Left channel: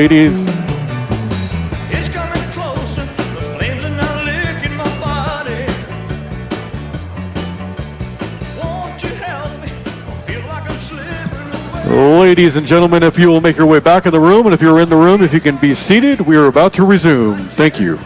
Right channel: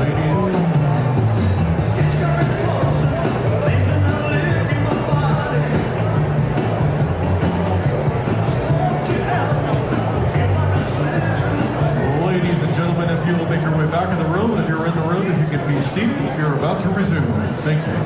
ladies. Ladies and gentlemen, if you will make your way back in the room, and if you're in the room, if you can be seated, we are about to resume. Thank you.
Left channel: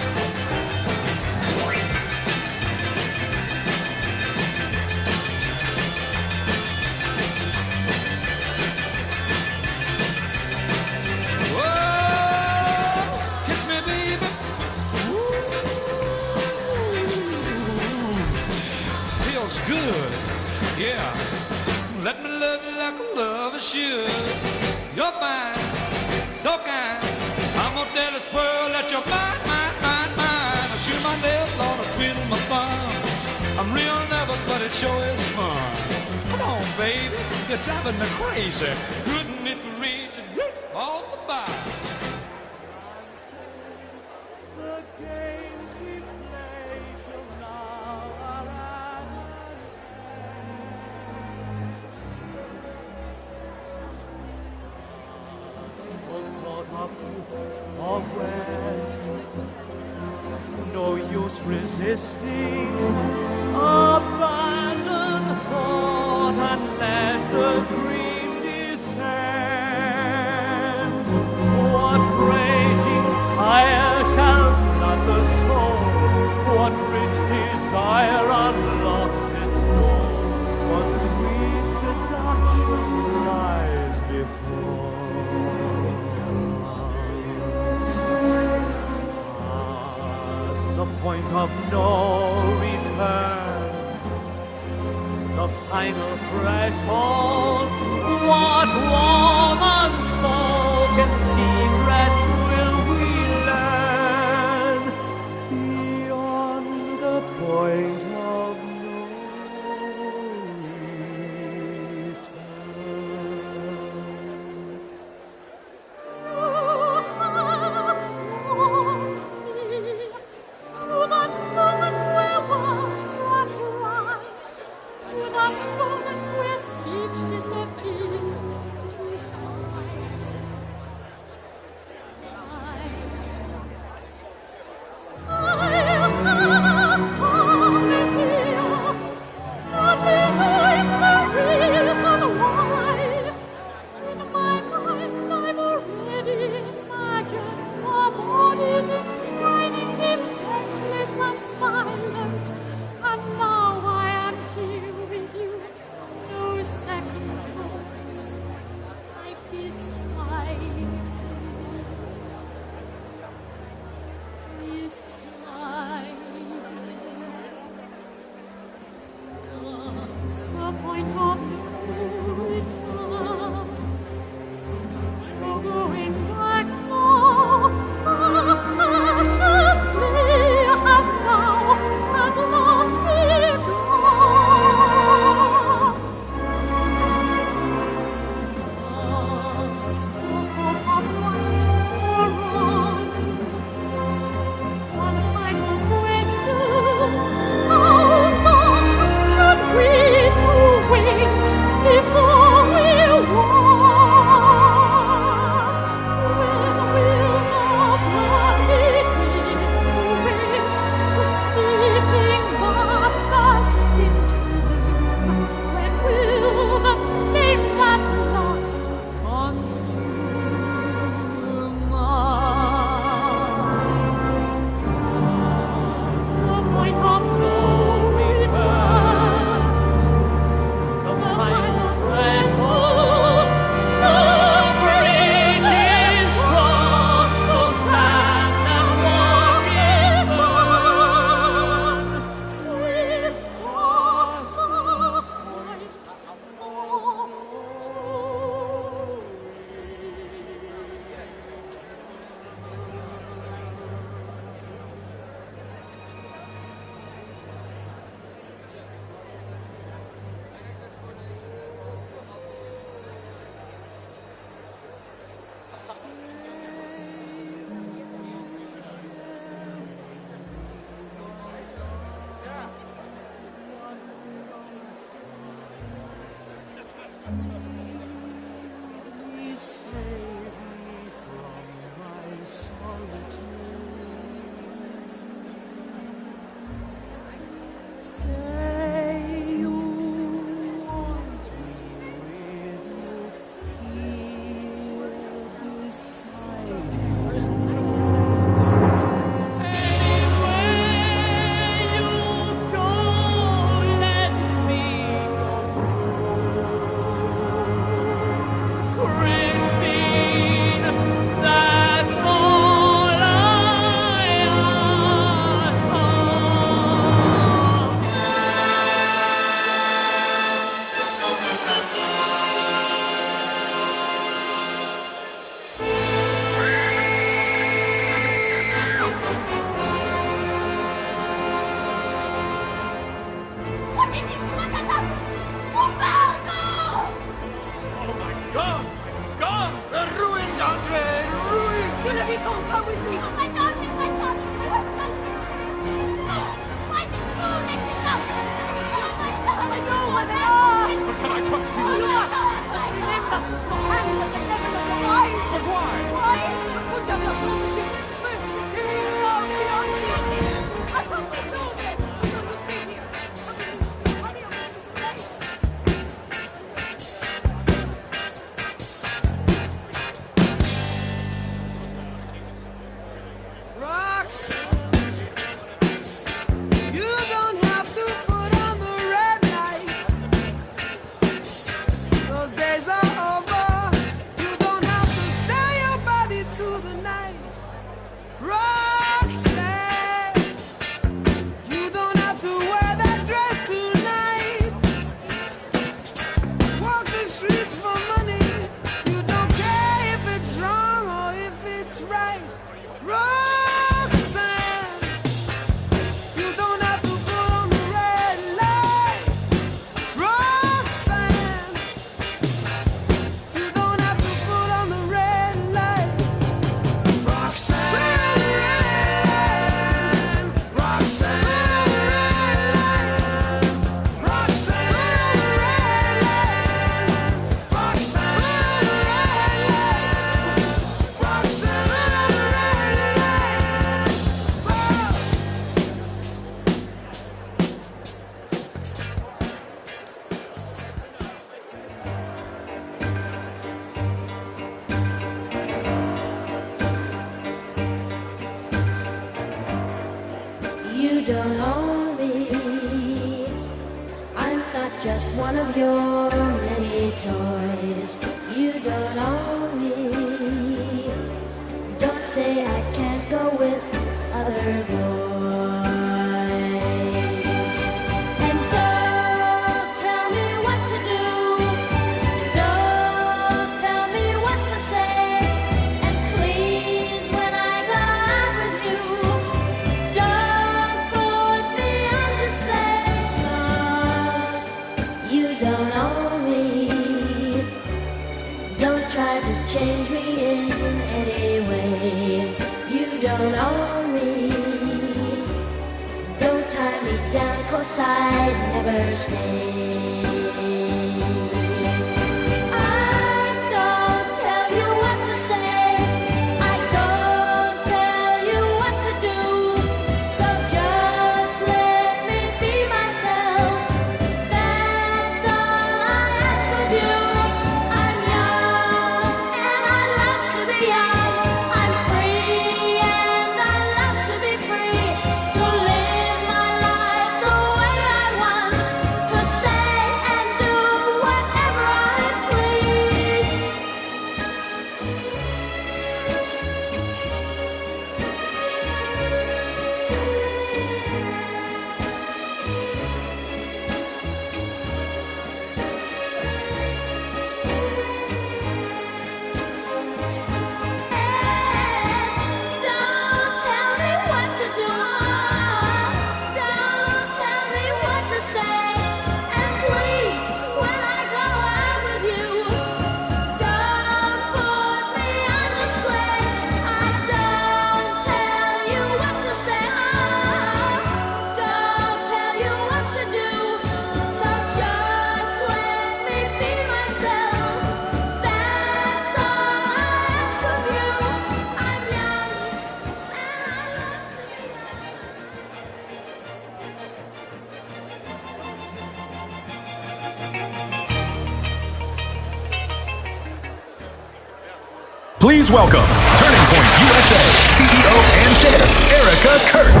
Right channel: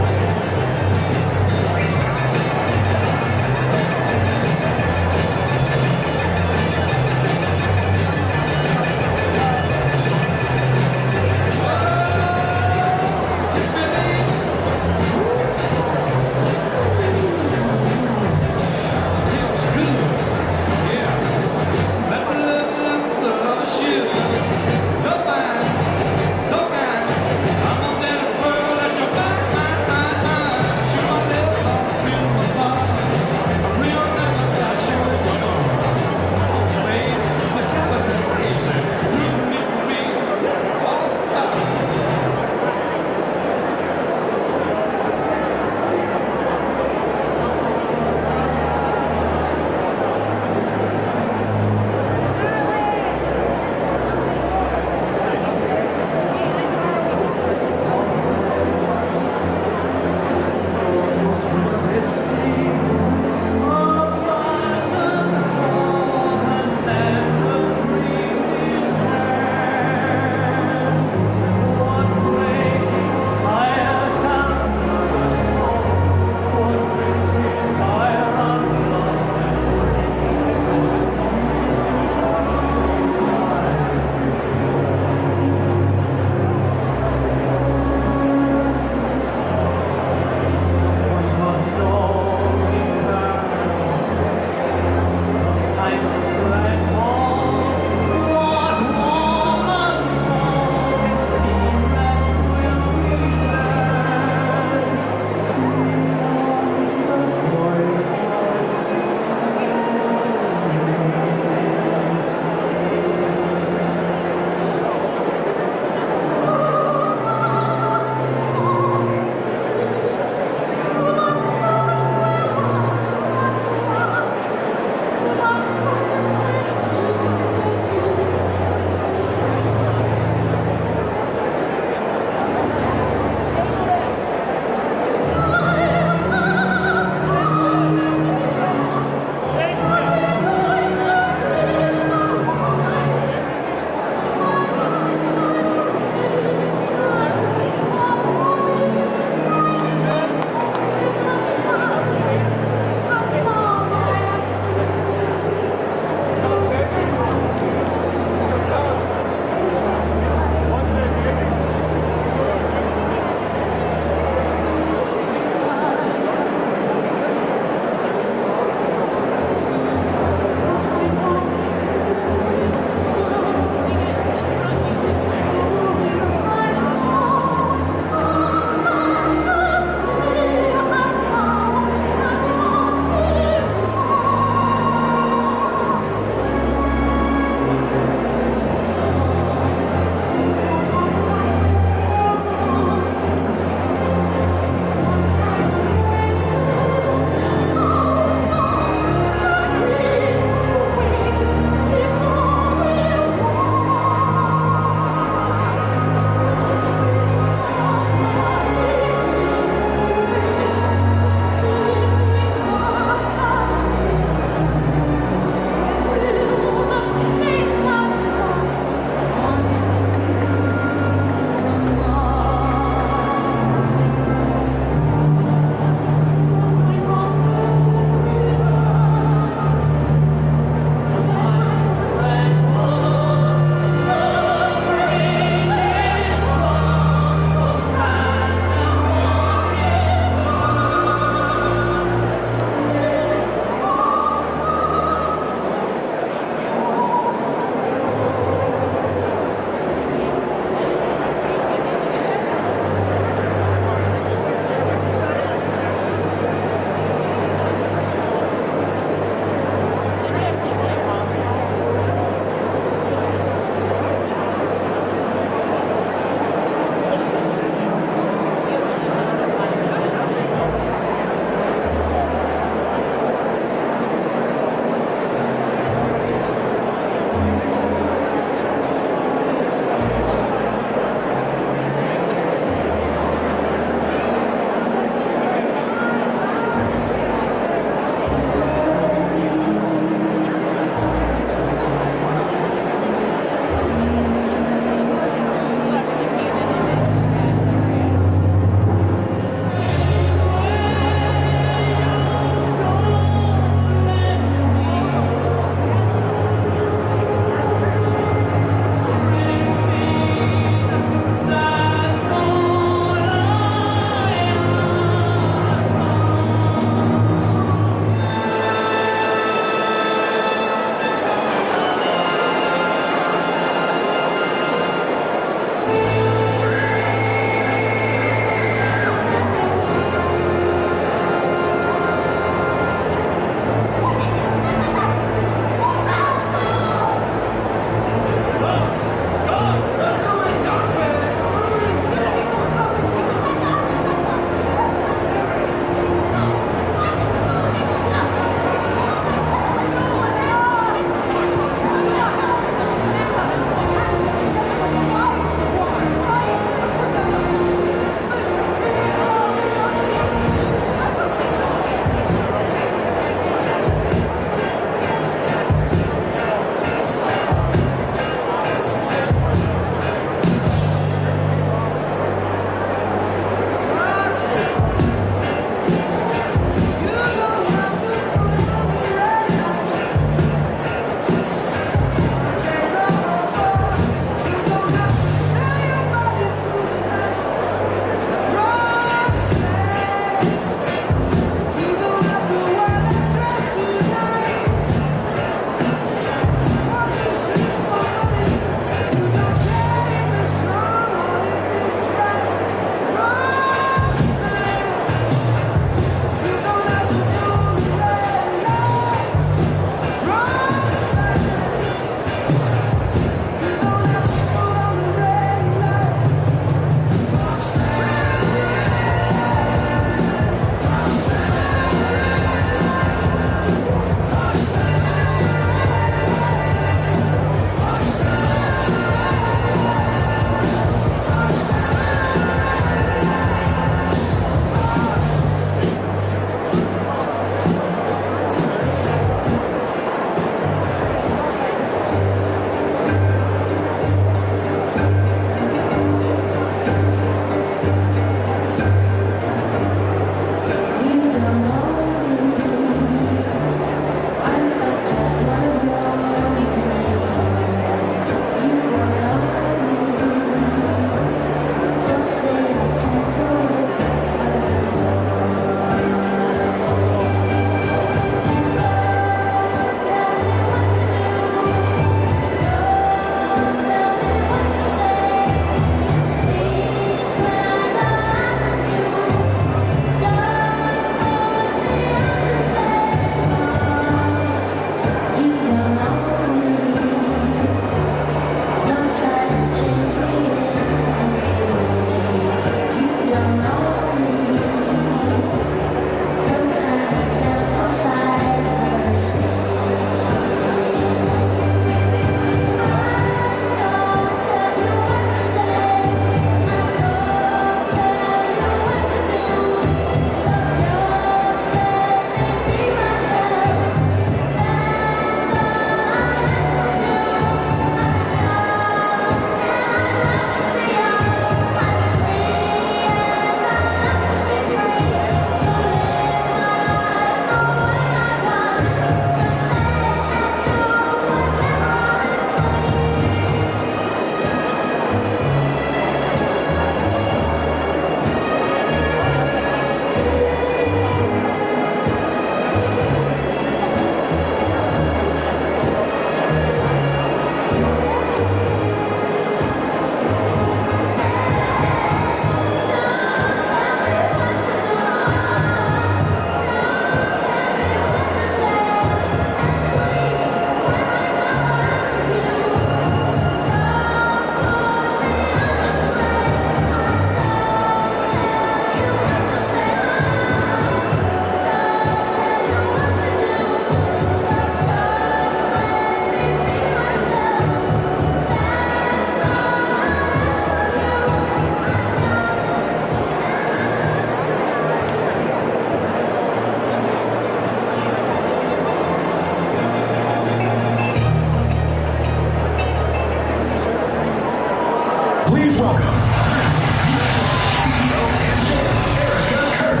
Please welcome Turning Point USA CEO and Chair, Erica Kirk.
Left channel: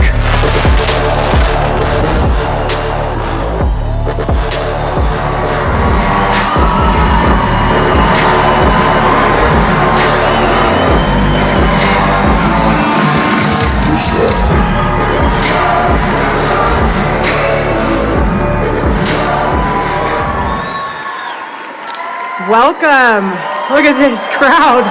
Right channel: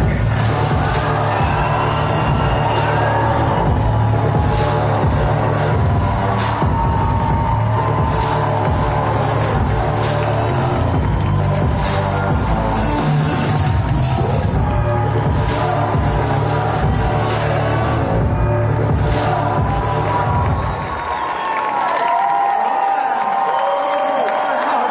Welcome. Look at this crowd.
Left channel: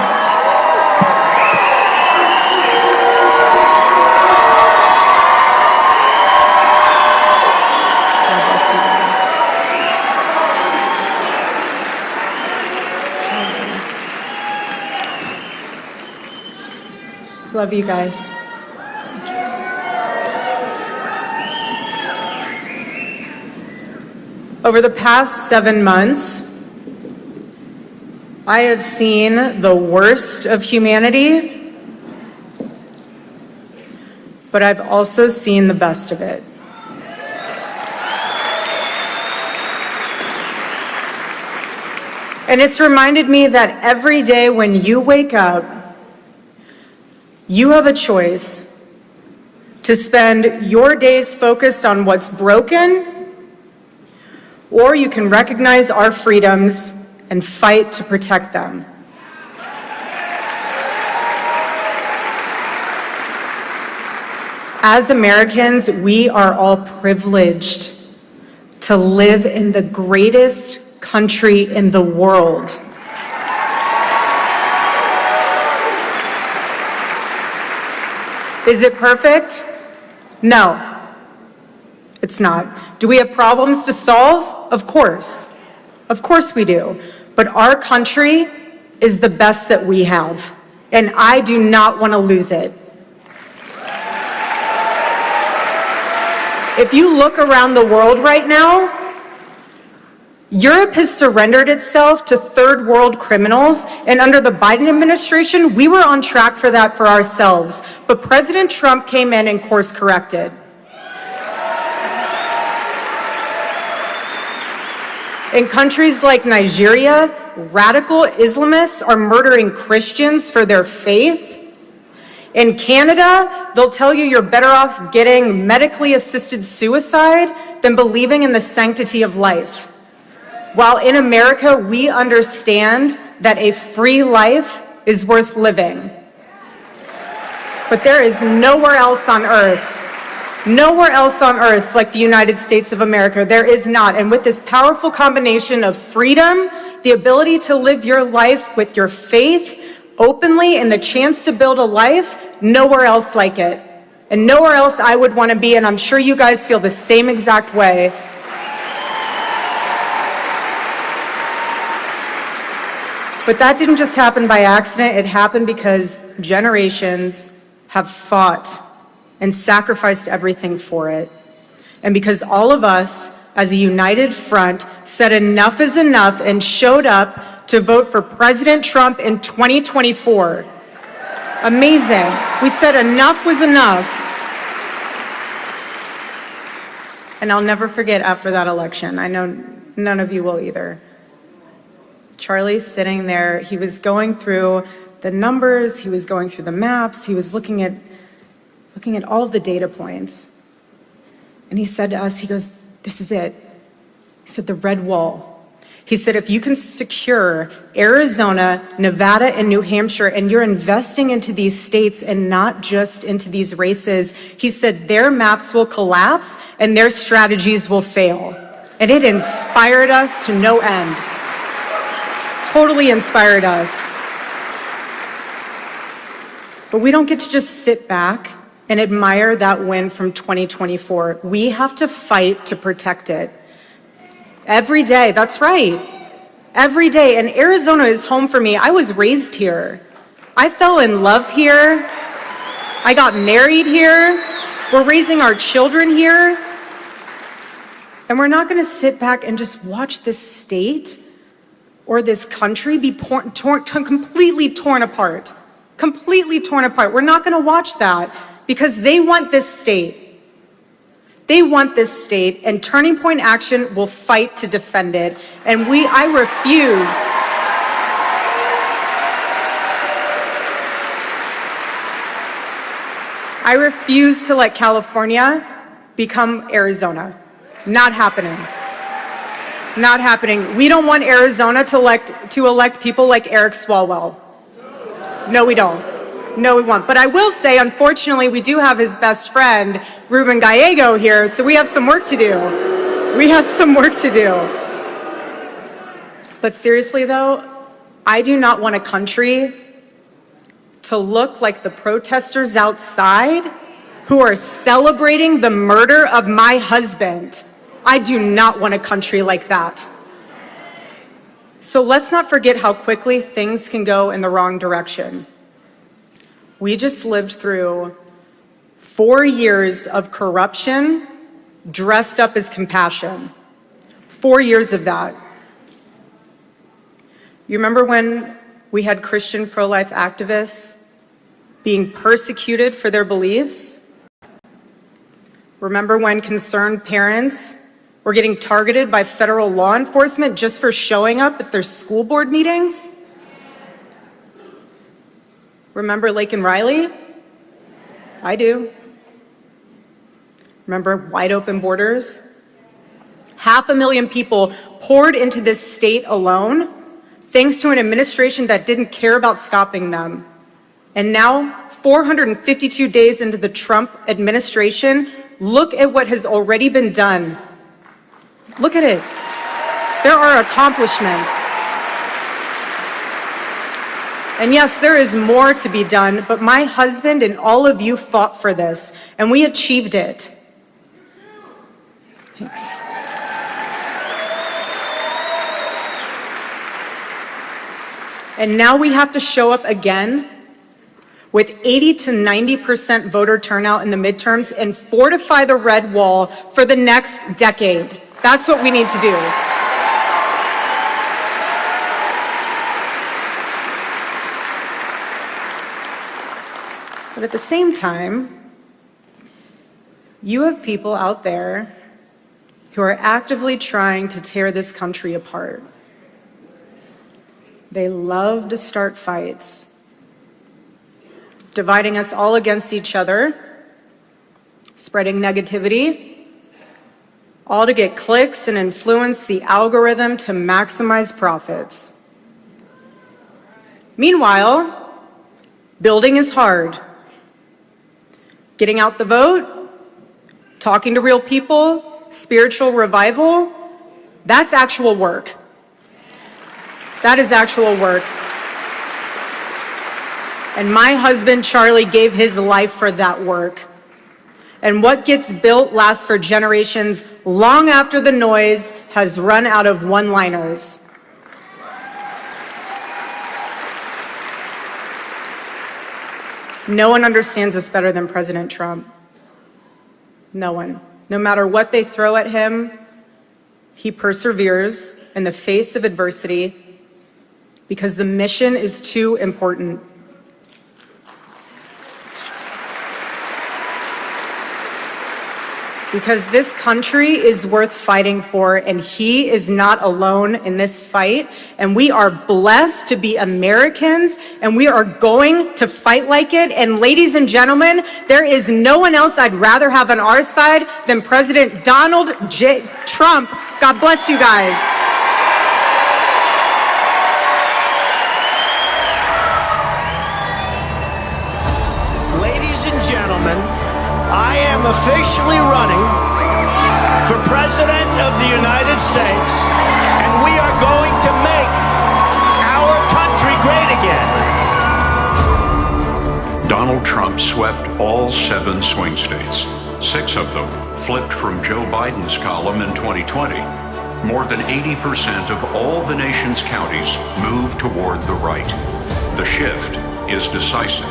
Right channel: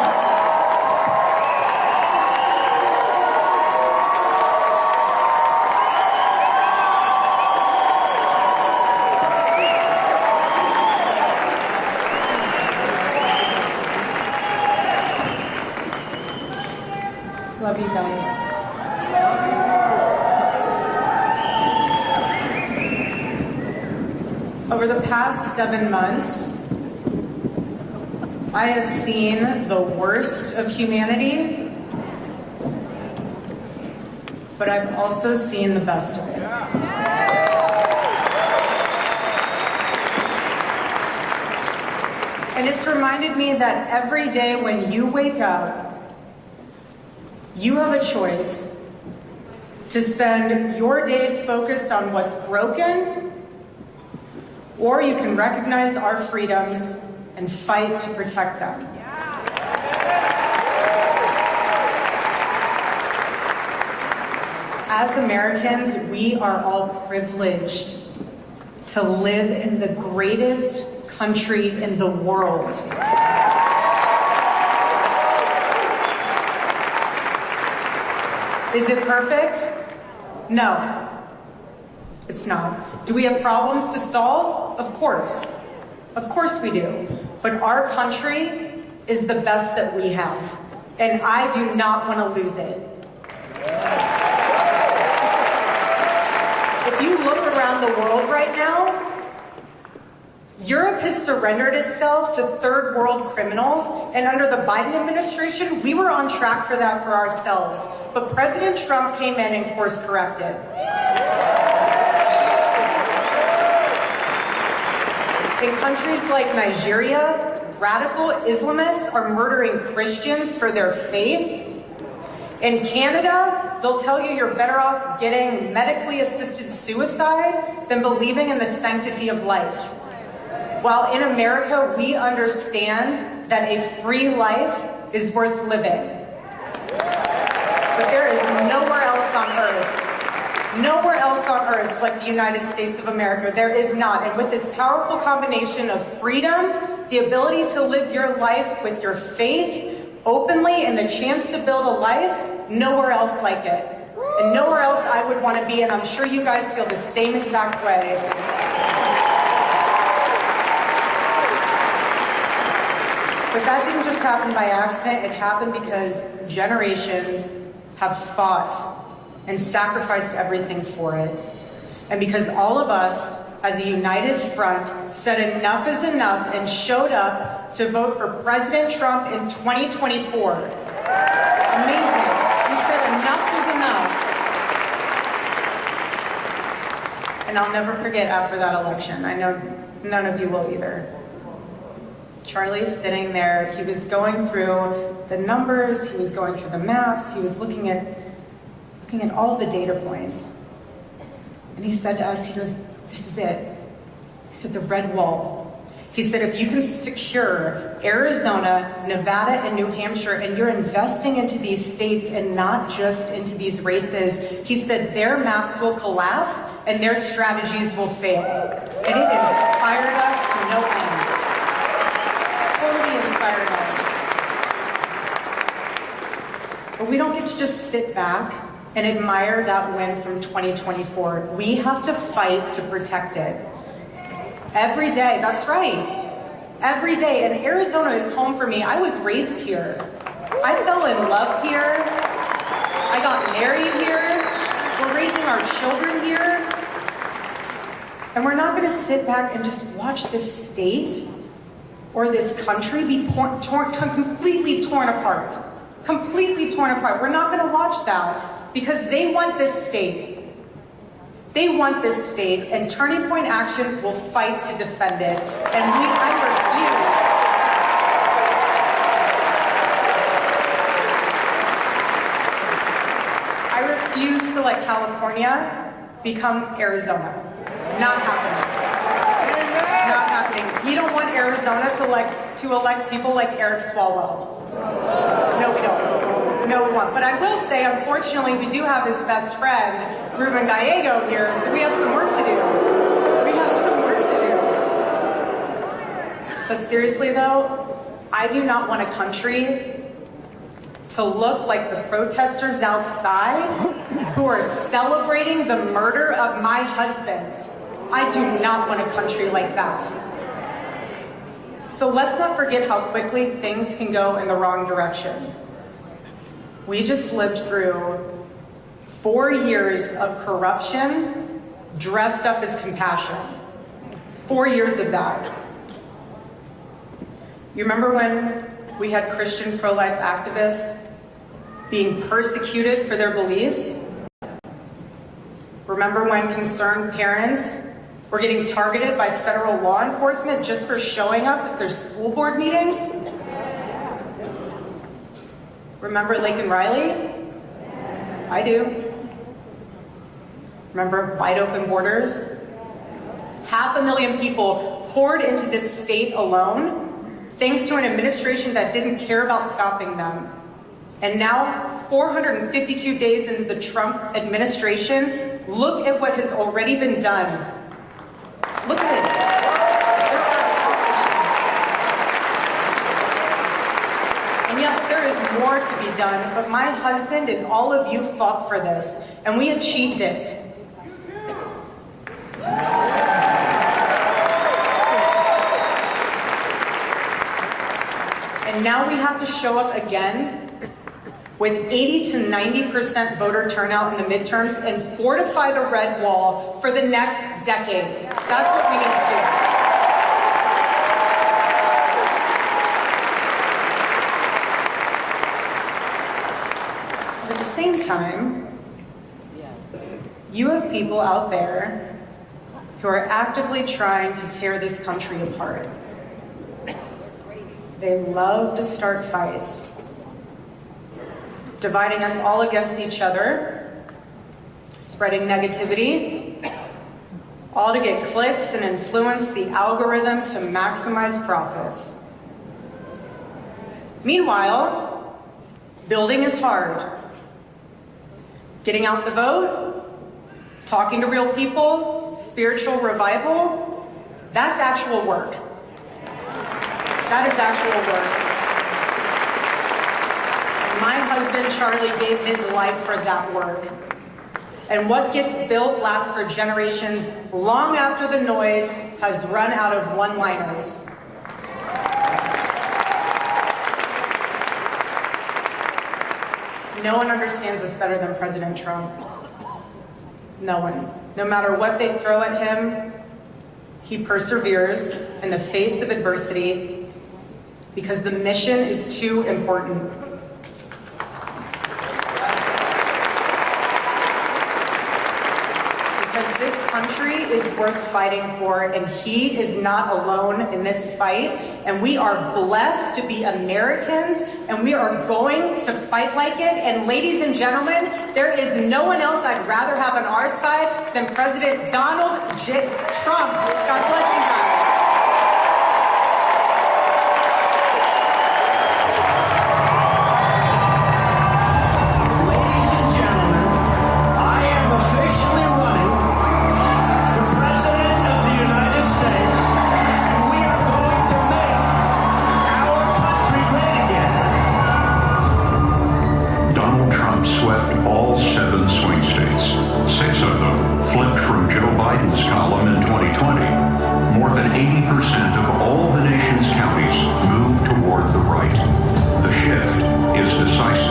Love you guys. Over the past 7 months, I have seen the worst of humanity, but I've also seen the best of it. And it's reminded me that every day when you wake up, you have a choice to spend your days focused on what's broken, or you can recognize our freedoms and fight to protect them. As Americans, we are all privileged to live in the greatest country in the world. Is it perfect? No, it's not. Do we have problems to solve? Of course. Of course we do. But our country is the best that we have, and I do not want to lose it. If you look around the world right now, Europe has surrendered itself to third world criminals, and under the Biden administration, we were on track for that for ourselves. But President Trump came in and course corrected. In countries like Nigeria, radical Islamists are murdering Christians for their faith. In Canada, they'll tell you you're better off getting medically assisted suicide than believing in the sanctity of life. While in America, we understand that a free life is worth living. But there is nowhere else on earth like the United States of America. There is not. And with this powerful combination of freedom, the ability to live your life with your faith openly, and the chance to build a life, nowhere else like it. And nowhere else I would want to be, and I'm sure you guys feel the same exact way. But that didn't just happen by accident. It happened because generations have fought and sacrificed everything for it. And because all of us, as a united front, said enough is enough and showed up to vote for President Trump in 2024. Amazing. We said enough was enough. And I'll never forget after that election. I know none of you will either. Charlie's sitting there. He was going through the numbers. He was going through the maps. He was looking at all of the data points. And he said to us, he goes, "This is it." He said, "The red wall." He said, "If you can secure Arizona, Nevada, and New Hampshire, and you're investing into these states and not just into these races," he said, "their maps will collapse and their strategies will fail." And it inspired us to no end. Totally inspired us. But we don't get to just sit back and admire that win from 2024. We have to fight to protect it. Every day, that's right. Every day, and Arizona is home for me. I was raised here. I fell in love here. I got married here. We're raising our children here. And we're not gonna sit back and just watch this state or this country be completely torn apart. Completely torn apart. We're not gonna watch that. Because they want this state. They want this state, and Turning Point Action will fight to defend it. And I refuse I refuse to let California become Arizona. Not happening. Not happening. We don't want Arizona to elect people like Eric Swalwell. No, we don't. No, we won't. But I will say, unfortunately, we do have his best friend, Ruben Gallego, here, so we have some work to do. We have some work to do. But seriously, though, I do not want a country to look like the protesters outside who are celebrating the murder of my husband. I do not want a country like that. So let's not forget how quickly things can go in the wrong direction. We just lived through 4 years of corruption dressed up as compassion. 4 years of that. You remember when we had Christian pro-life activists being persecuted for their beliefs? Remember when concerned parents were getting targeted by federal law enforcement just for showing up at their school board meetings? Remember Laken Riley? I do. Remember wide open borders? 500,000 people poured into this state alone, thanks to an administration that didn't care about stopping them. And now, 452 days into the Trump administration, look at what has already been done. Look at it. There are accomplishments. And yes, there is more to be done, but my husband and all of you fought for this, and we achieved it. And now we have to show up again with 80 to 90% voter turnout in the midterms and fortify the red wall for the next decade. That's what we need to do. But at the same time, you have people out there who are actively trying to tear this country apart. They love to start fights, dividing us all against each other, spreading negativity, all to get clicks and influence the algorithm to maximize profits. Meanwhile, building is hard. Getting out the vote, talking to real people, spiritual revival, that's actual work. That is actual work. And my husband, Charlie, gave his life for that work. And what gets built lasts for generations long after the noise has run out of one-liners. No one understands this better than President Trump. No one. No matter what they throw at him, he perseveres in the face of adversity because the mission is too important. Because this country is worth fighting for, and he is not alone in this fight. And we are blessed to be Americans, and we are going to fight like it. And ladies and gentlemen, there is no one else I'd rather have on our side than President Donald J. Trump. God bless you guys. Officially running for President of the United States, and we are going to make our country great again. Donald Trump swept all 7 swing states. 6 of them flipped from Joe Biden's column in 2020. More than 80% of all the nation's counties moved toward the right. The shift is decisive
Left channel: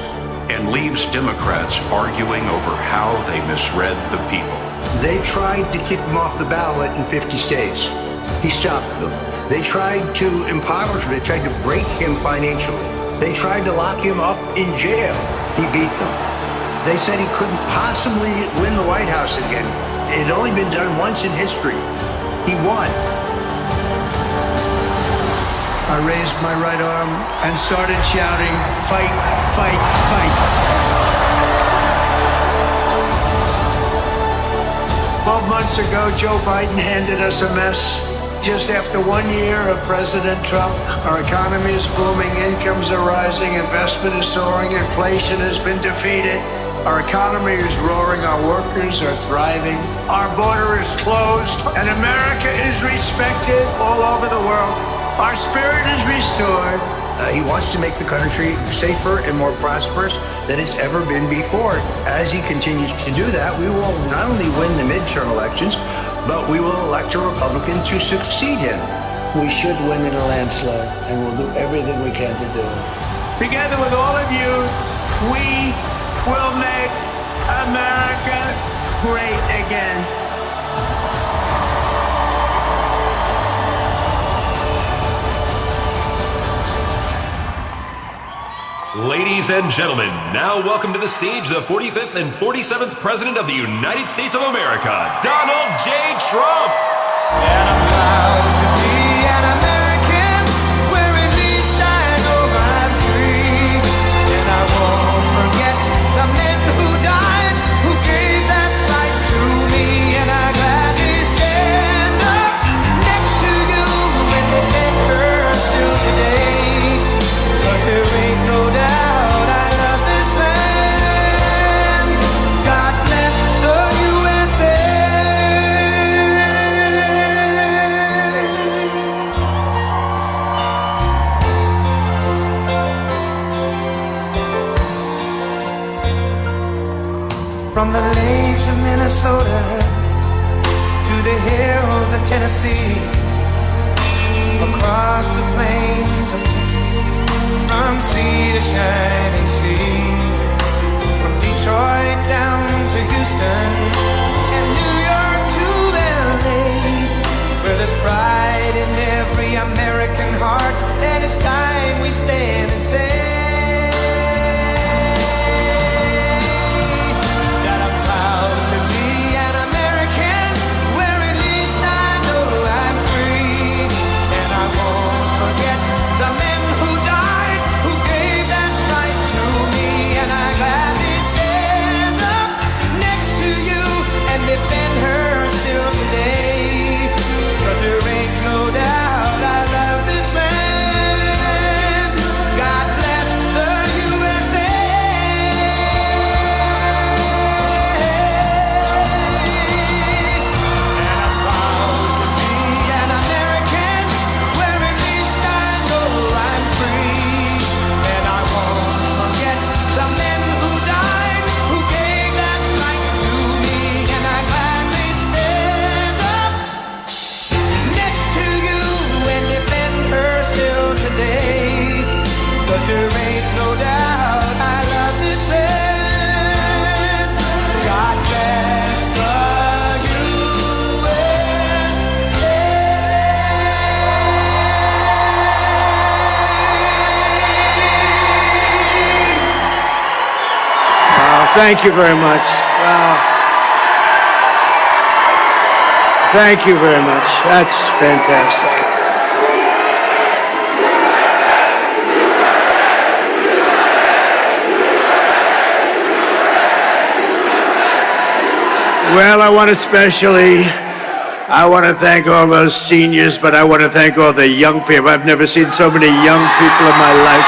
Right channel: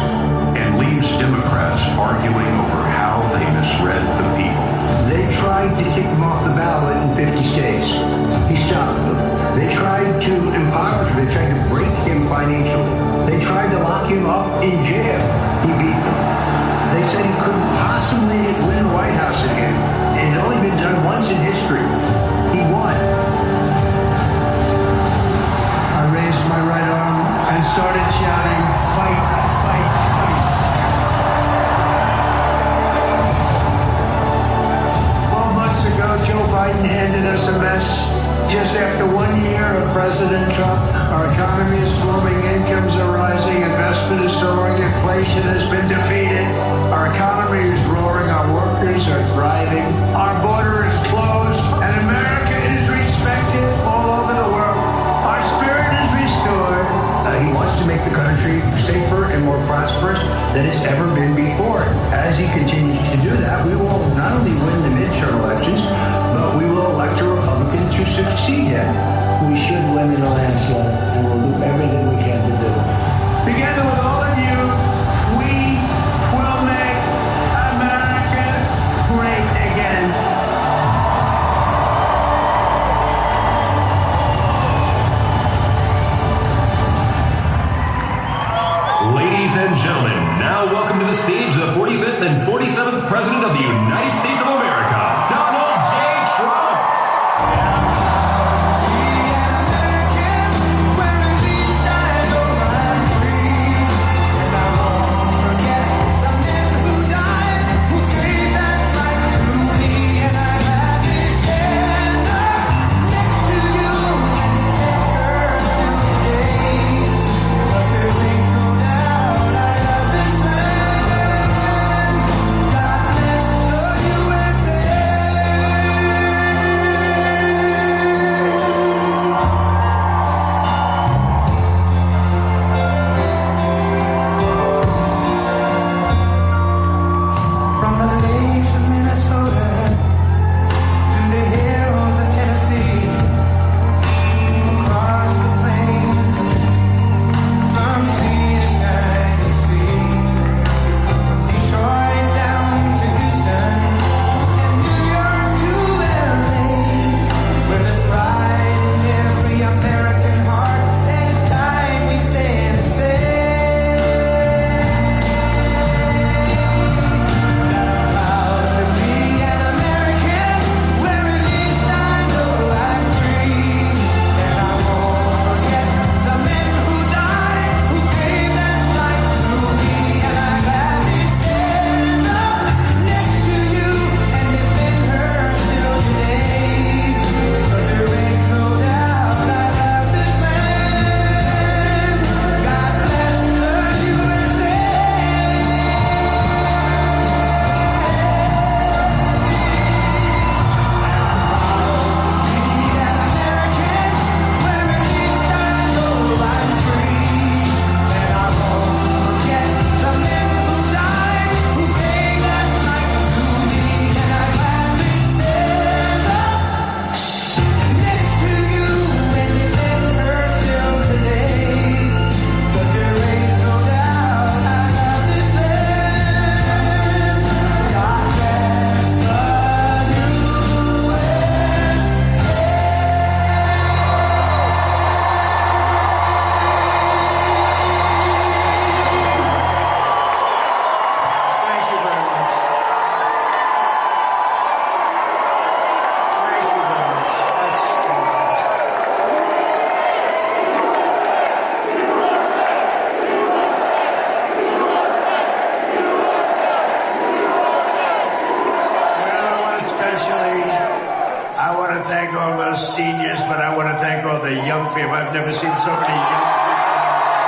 and leaves Democrats arguing over how they misread the people. They tried to kick him off the ballot in 50 states. He stopped them. They tried to impoverish him. They tried to break him financially. They tried to lock him up in jail. He beat them. They said he couldn't possibly win the White House again. It had only been done once in history. He won. I raised my right arm and started shouting, "Fight, fight, fight." year of President Trump. Our economy is booming, incomes are rising, investment is soaring, inflation has been defeated. Our economy is roaring, our workers are thriving, our border is closed, and America is respected all over the world. Our spirit is restored. He wants to make the country safer and more prosperous than it's ever been before. As he continues to do that, we will not only win the midterm elections, but we will elect a Republican to succeed him. We should win in Alaska, and we'll do everything we can to do it. Together with all of you, we will make America great again. Ladies and gentlemen, now welcome to the stage the 45th and 47th President of the United States of America, Donald J. Trump. And I'm proud to be an American, where at least I know I'm free. And I won't forget the men who died, who gave that right to me. And I gladly stand up next to you and defend her still today. 'Cause there ain't no doubt I love this land. God bless the USA. From the lakes of Minnesota to the hills of Tennessee, across the plains of Texas, from sea to shining sea, from Detroit down to Houston, and New York to LA, where there's pride in every American heart, and it's time we stand and say that I'm proud to be an American, where at least I know I'm free. And I won't forget the men who died, who gave that right to me. And I gladly stand up next to you and defend her still today. 'Cause there ain't no doubt I love this land. God bless the USA. Be an American, where at least I know I'm free. And I won't forget the men who died, who gave that right to me. And I gladly stand up next to you and defend her still today. 'Cause there ain't no doubt I love this land. God bless the Thank you very much. Thank you very much. That's fantastic. Well, I want to thank all those seniors, but I want to thank all the young people. I've never seen so many young people in my life.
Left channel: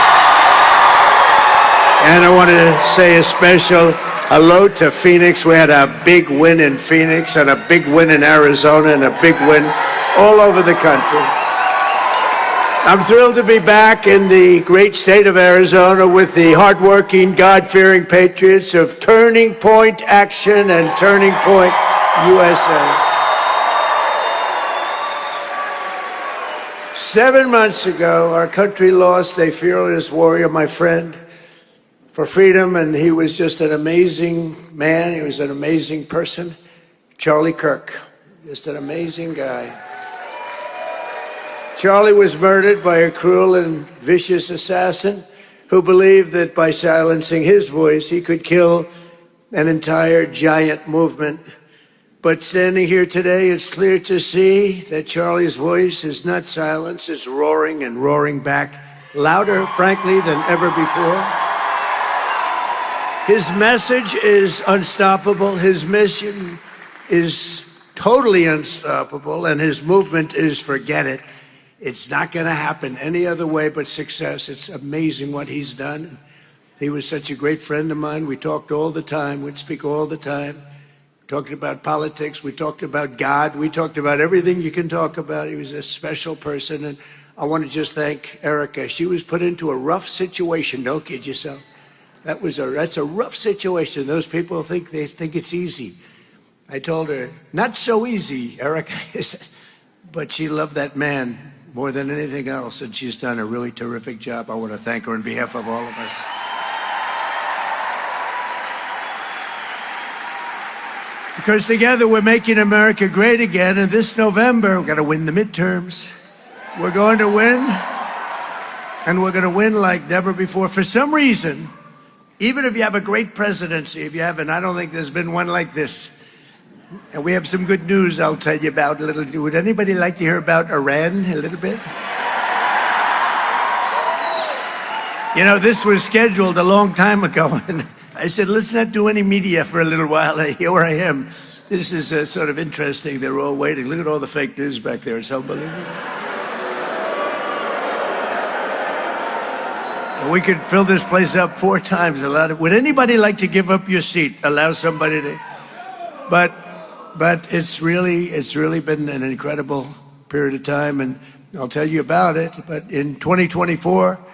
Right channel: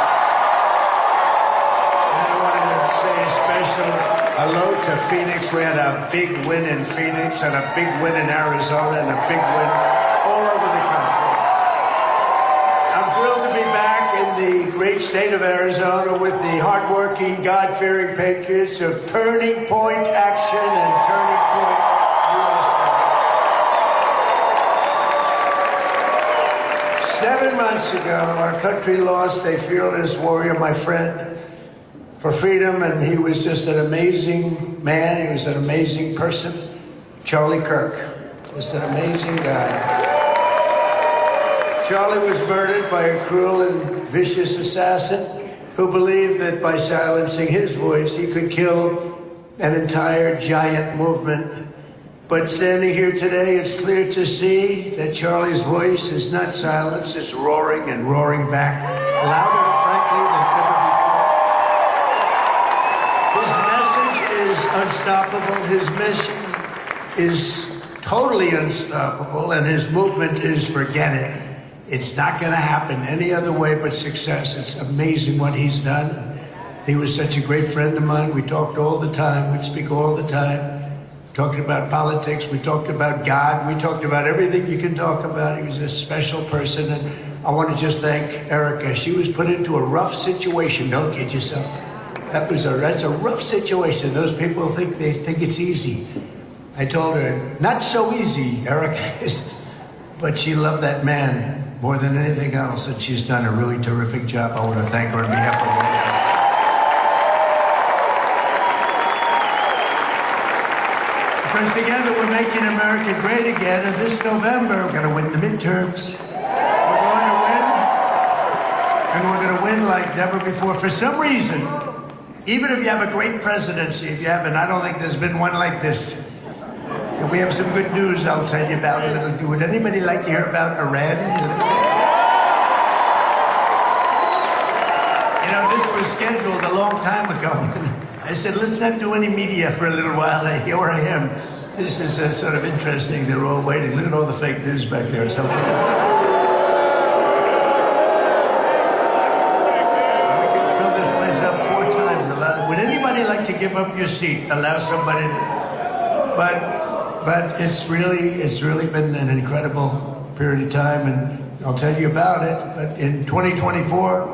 And I want to say a special hello to Phoenix. We had a big win in Phoenix and a big win in Arizona and a big win all over the country. I'm thrilled to be back in the great state of Arizona with the hardworking, God-fearing patriots of Turning Point Action and Turning Point USA. 7 months ago, our country lost a fearless warrior, my friend, for freedom, and he was just an amazing man. He was an amazing person. Charlie Kirk, just an amazing guy. Charlie was murdered by a cruel and vicious assassin who believed that by silencing his voice, he could kill an entire giant movement. But standing here today, it's clear to see that Charlie's voice is not silenced, it's roaring and roaring back, louder, frankly, than ever before. His message is unstoppable, his mission is totally unstoppable, and his movement is forget it. It's not going to happen any other way but success. It's amazing what he's done. He was such a great friend of mine. We talked all the time. We'd speak all the time. Talked about politics. We talked about God. We talked about everything you can talk about. He was a special person. And I want to just thank Erica. She was put into a rough situation. Don't kid yourself. That's a rough situation. Those people think it's easy. I told her, not so easy, Erica. But she loved that man more than anything else, and she's done a really terrific job. I want to thank her on behalf of all of us. Because together we're making America great again, and this November we're going to win the midterms. We're going to win, and we're going to win like never before. For some reason, even if you have a great presidency, if you haven't, I don't think there's been one like this. And we have some good news I'll tell you about. Would anybody like to hear about Iran a little bit? You know, this was scheduled a long time ago. And I said, let's not do any media for a little while. And here I am. This is sort of interesting. They're all waiting. Look at all the fake news back there. So, we could fill this place up 4 times. Would anybody like to give up your seat? Allow somebody to... But it's really been an incredible period of time, and I'll tell you about it. But in 2024,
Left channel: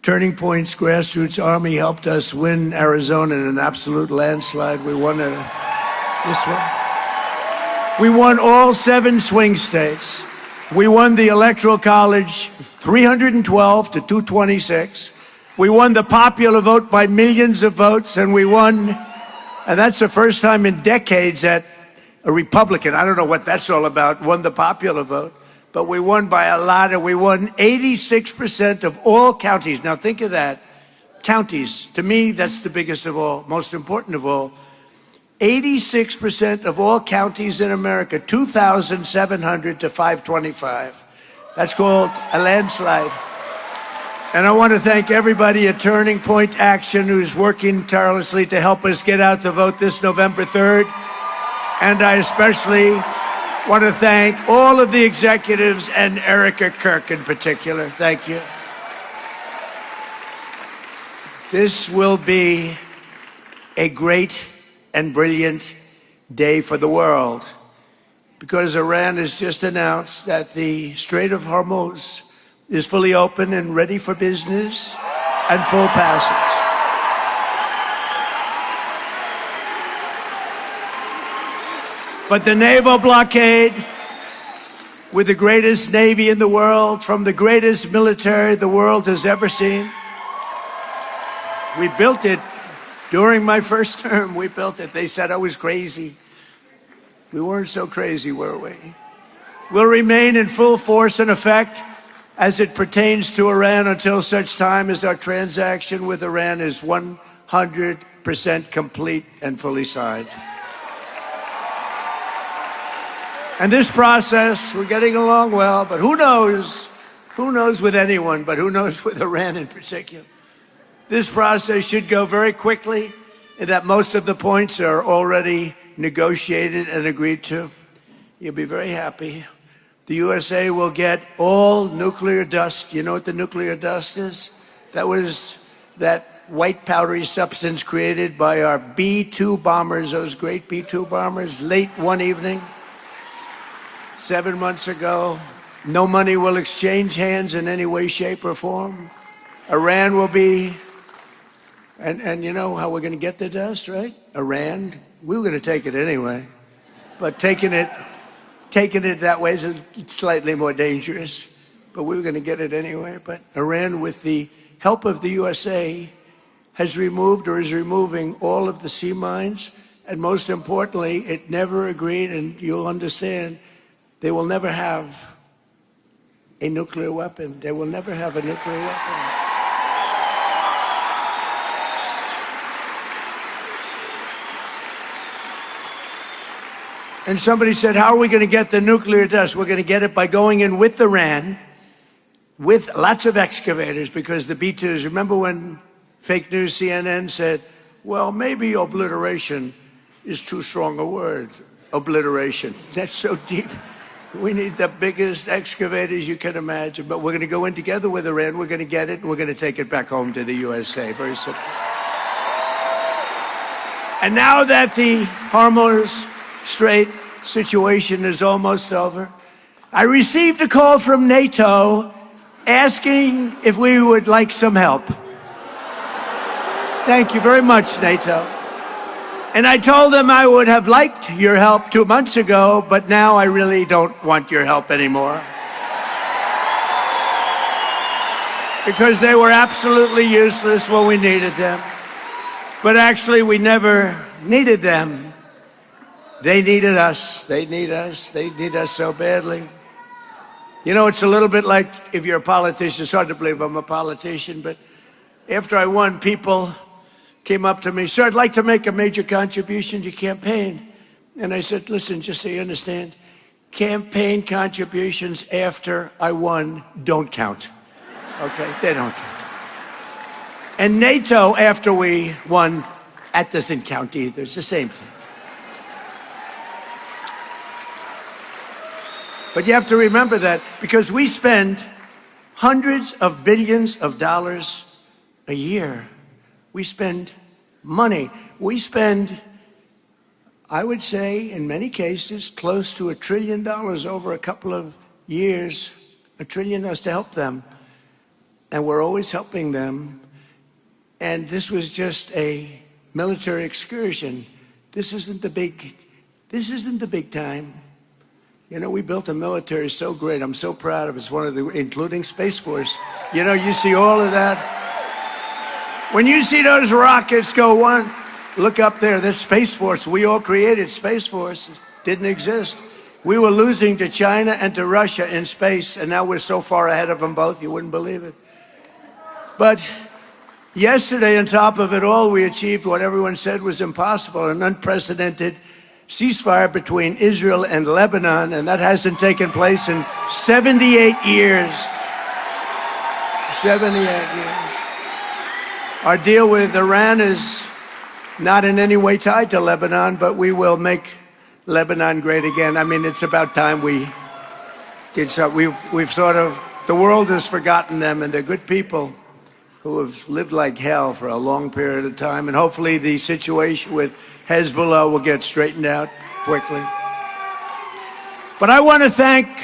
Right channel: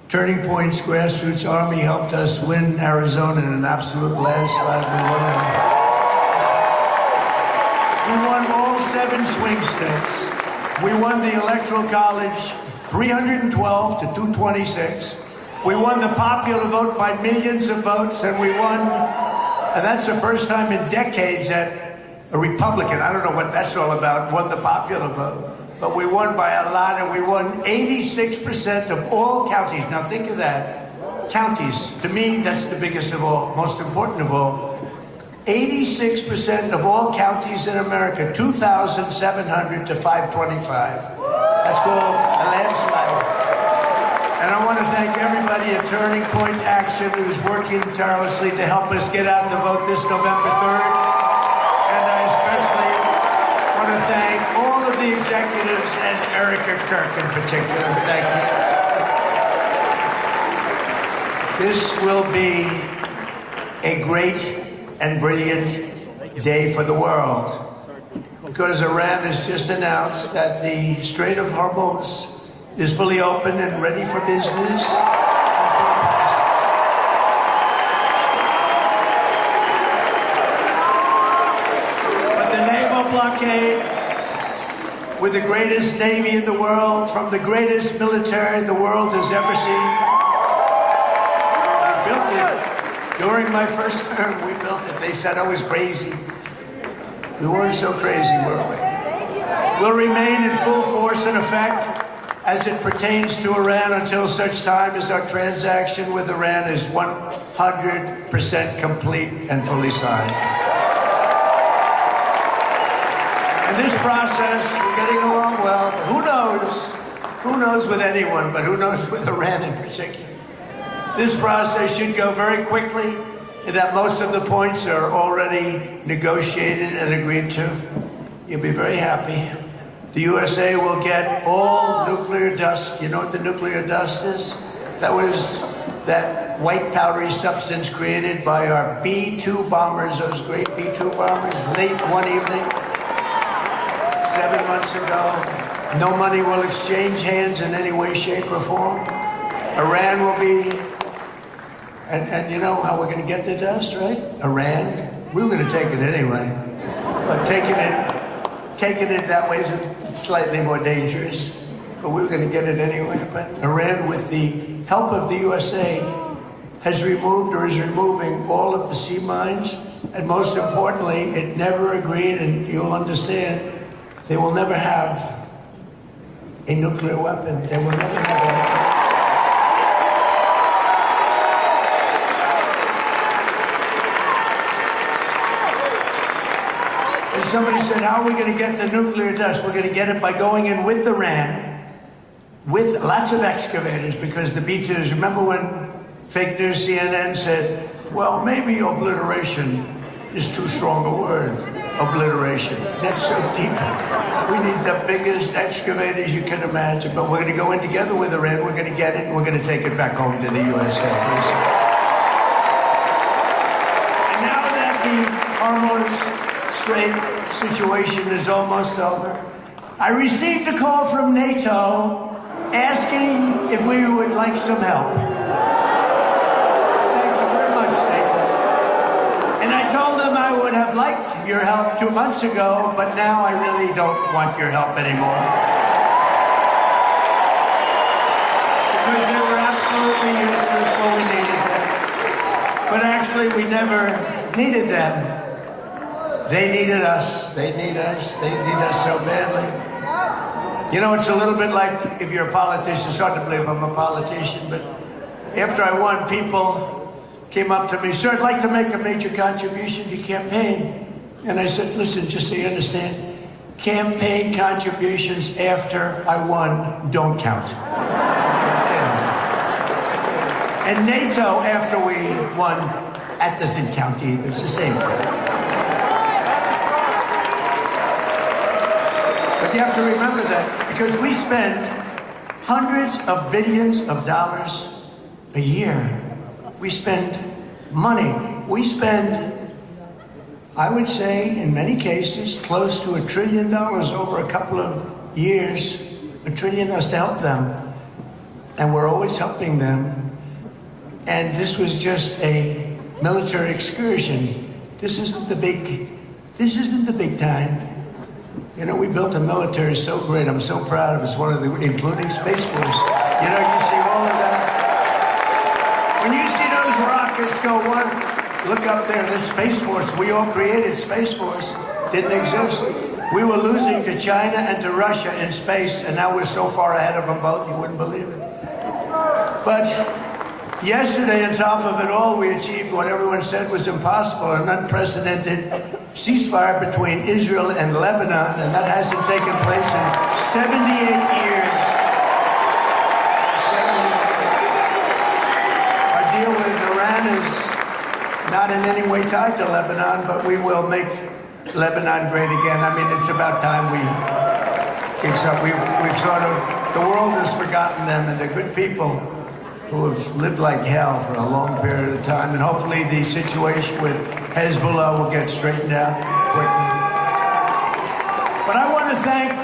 Turning Point's grassroots army helped us win Arizona in an absolute landslide. We won this one. We won all 7 swing states. We won the Electoral College 312 to 226. We won the popular vote by millions of votes, and we won, and that's the first time in decades that a Republican, I don't know what that's all about, won the popular vote. But we won by a lot, and we won 86% of all counties. Now think of that. Counties, to me, that's the biggest of all, most important of all. 86% of all counties in America, 2,700 to 525. That's called a landslide. And I want to thank everybody at Turning Point Action who's working tirelessly to help us get out the vote this November 3rd. And I especially want to thank all of the executives and Erica Kirk in particular. Thank you. This will be a great and brilliant day for the world, because Iran has just announced that the Strait of Hormuz is fully open and ready for business and full passage. But the naval blockade, with the greatest navy in the world, from the greatest military the world has ever seen, we built it during my first term. We built it. They said I was crazy. We weren't so crazy, were we? Will remain in full force and effect as it pertains to Iran until such time as our transaction with Iran is 100% complete and fully signed. And this process, we're getting along well, but who knows with anyone, but who knows with Iran in particular. This process should go very quickly, in that most of the points are already negotiated and agreed to. You'll be very happy. The USA will get all nuclear dust. You know what the nuclear dust is? That was that white powdery substance created by our B-2 bombers, those great B-2 bombers, late one evening. 7 months ago. No money will exchange hands in any way, shape, or form. Iran will be, and you know how we're going to get the dust, right? Iran. We were going to take it anyway. But taking it that way is slightly more dangerous. But we're going to get it anyway. But Iran, with the help of the USA, has removed or is removing all of the sea mines. And most importantly, it never agreed, and you'll understand, they will never have a nuclear weapon. They will never have a nuclear weapon. And somebody said, how are we going to get the nuclear dust? We're going to get it by going in with Iran, with lots of excavators, because the B-2s, remember when fake news CNN said, well, maybe obliteration is too strong a word. obliteration. That's so deep. We need the biggest excavators you can imagine, but we're going to go in together with Iran. We're going to get it, and we're going to take it back home to the USA. And now that the Hormuz Strait situation is almost over, I received a call from NATO asking if we would like some help. Thank you very much, NATO. And I told them I would have liked your help 2 months ago, but now I really don't want your help anymore. Because they were absolutely useless when we needed them. But actually, we never needed them. They needed us. They need us. They need us so badly. You know, it's a little bit like if you're a politician. It's hard to believe I'm a politician, but after I won, people came up to me, sir, I'd like to make a major contribution to your campaign. And I said, listen, just so you understand, campaign contributions after I won don't count. Okay, they don't count. And NATO after we won, that doesn't count either. It's the same thing. But you have to remember that because we spend hundreds of billions of dollars a year. We spend money. We spend, I would say, in many cases, close to $1 trillion over a couple of years. $1 trillion to help them. And we're always helping them. And this was just a military excursion. This isn't the big time. You know, we built the military so great. I'm so proud. It's one of the, including Space Force. You know, you see all of that. When you see those rockets go one, look up there, this Space Force. We all created Space Force. Didn't exist. We were losing to China and to Russia in space, and now we're so far ahead of them both, you wouldn't believe it. But yesterday, on top of it all, we achieved what everyone said was impossible, an unprecedented ceasefire between Israel and Lebanon, and that hasn't taken place in 78 years. 78 years. Our deal with Iran is not in any way tied to Lebanon, but we will make Lebanon great again. I mean, it's about time we get some. We've sort of, the world has forgotten them, and they're good people who have lived like hell for a long period of time, and hopefully the situation with Hezbollah will get straightened out quickly. But I want to thank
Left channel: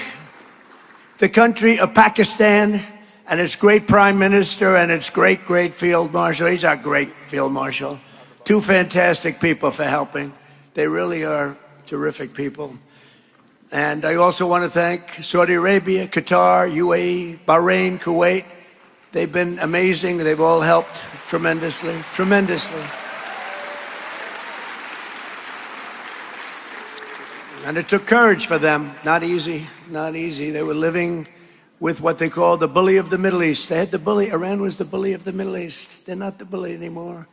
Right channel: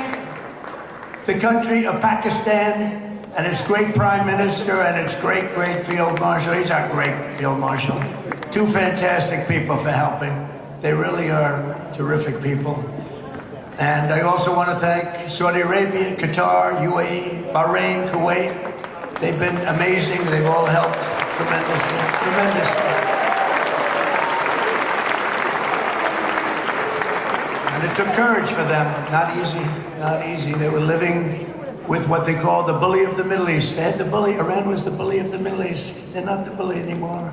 the country of Pakistan and its great prime minister and its great field marshal. He's our great field marshal. Two fantastic people for helping. They really are terrific people. And I also want to thank Saudi Arabia, Qatar, UAE, Bahrain, Kuwait. They've been amazing. They've all helped tremendously, tremendously. And it took courage for them. Not easy, not easy. They were living with what they call the bully of the Middle East. They had the bully. Iran was the bully of the Middle East. They're not the bully anymore.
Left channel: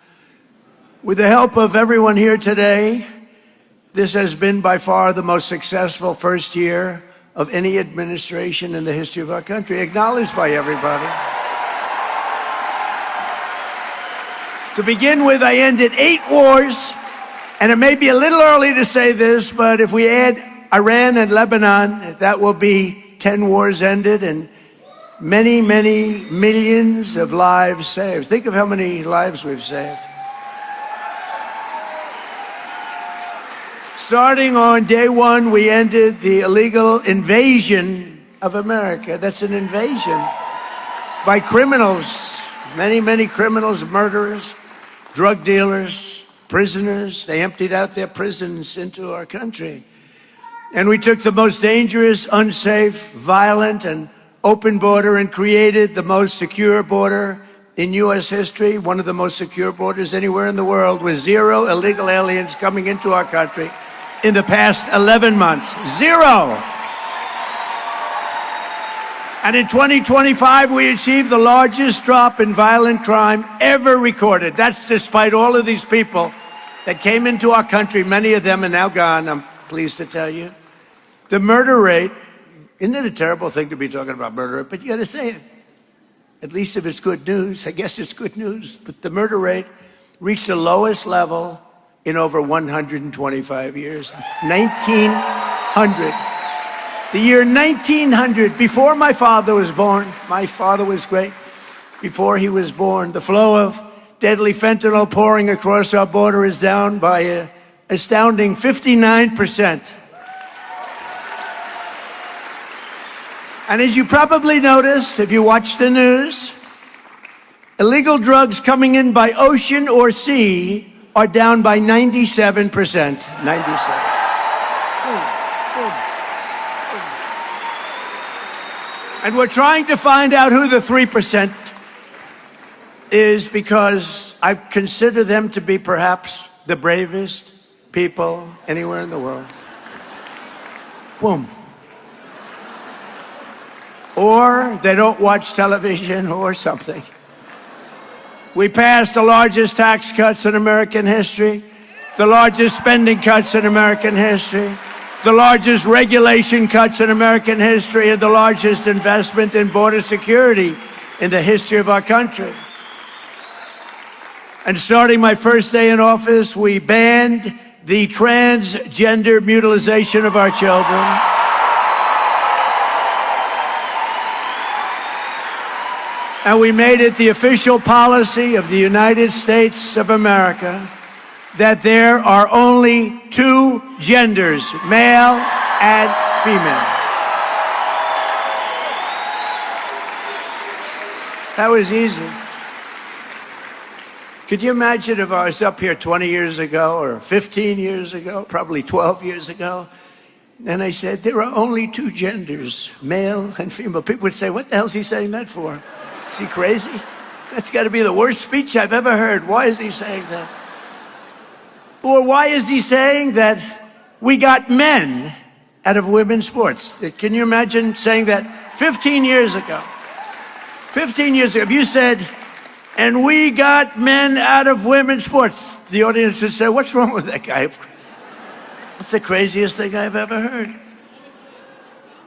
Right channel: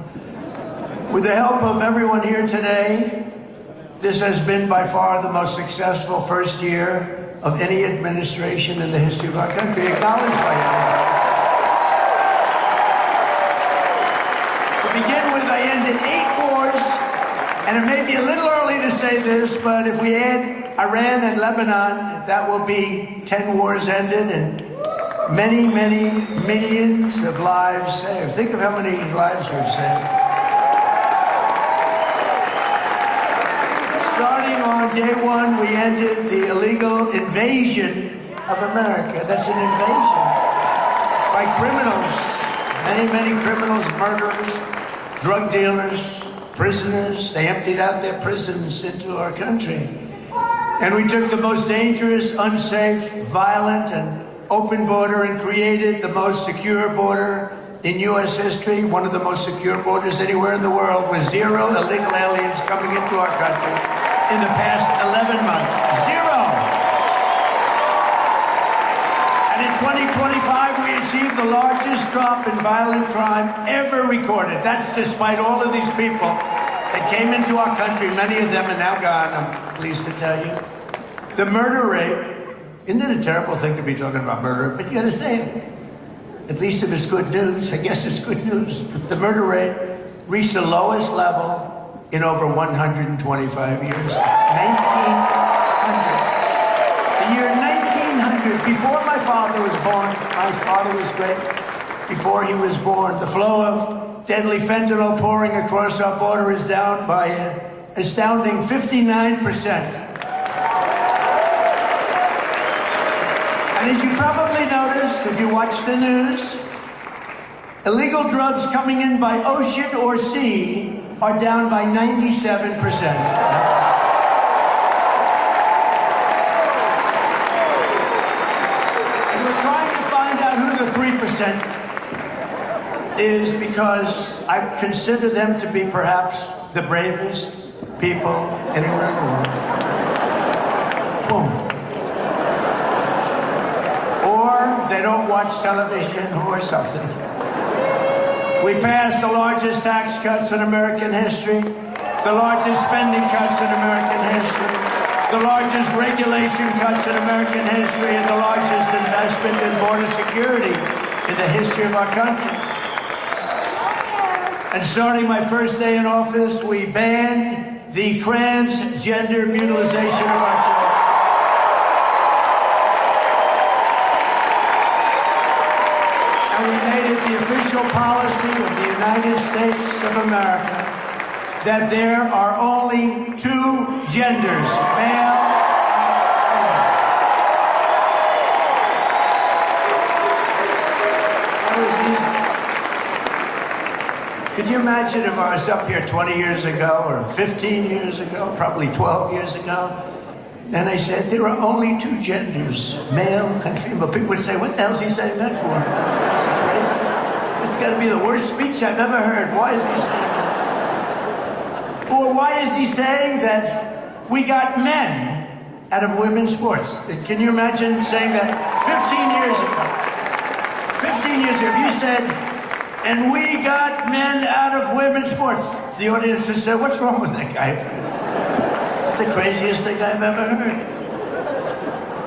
With the help of everyone here today, this has been by far the most successful first year of any administration in the history of our country, acknowledged by everybody. To begin with, I ended 8 wars, and it may be a little early to say this, but if we add Iran and Lebanon, that will be 10 wars ended and many, many millions of lives saved. Think of how many lives we've saved. Starting on day 1, we ended the illegal invasion of America. That's an invasion by criminals, many, many criminals, murderers, drug dealers, prisoners. They emptied out their prisons into our country. And we took the most dangerous, unsafe, violent, and open border and created the most secure border in U.S. history, one of the most secure borders anywhere in the world, with 0 illegal aliens coming into our country in the past 11 months. 0! And in 2025, we achieved the largest drop in violent crime ever recorded. That's despite all of these people that came into our country. Many of them are now gone, I'm pleased to tell you. The murder rate, isn't it a terrible thing to be talking about murder? But you gotta say it. At least it was good news. I guess it's good news. The murder rate reached the lowest level in over 125 years. 1900. The year 1900, before my father was born. My father was great. Before he was born, the flow of deadly fentanyl pouring across our border is down by an astounding 59%. And as you probably noticed, if you watch the news, illegal drugs coming in by ocean or sea are down by 97%. 97. And we're trying to find out who the 3% is, because I consider them to be perhaps the bravest people anywhere in the world. Boom. Or they don't watch television or something. We passed the largest tax cuts in American history, the largest spending cuts in American history, the largest regulation cuts in American history, and the largest investment in border security in the history of our country. And starting my first day in office, we banned the transgender mutilation of our children. And we made it the official policy of the United States of America that there are only two genders, male and female. That was easy. Could you imagine if I was up here 20 years ago, or 15 years ago, probably 12 years ago, and I said there are only two genders, male and female? People would say, what the hell is he saying that for? Is he crazy? It's got to be the worst speech I've ever heard. Why is he saying that? Or why is he saying that we got men out of women's sports? Can you imagine saying that 15 years ago? 15 years ago, if you said, and we got men out of women's sports, the audience would say, what's wrong with that guy? It's the craziest thing I've ever heard.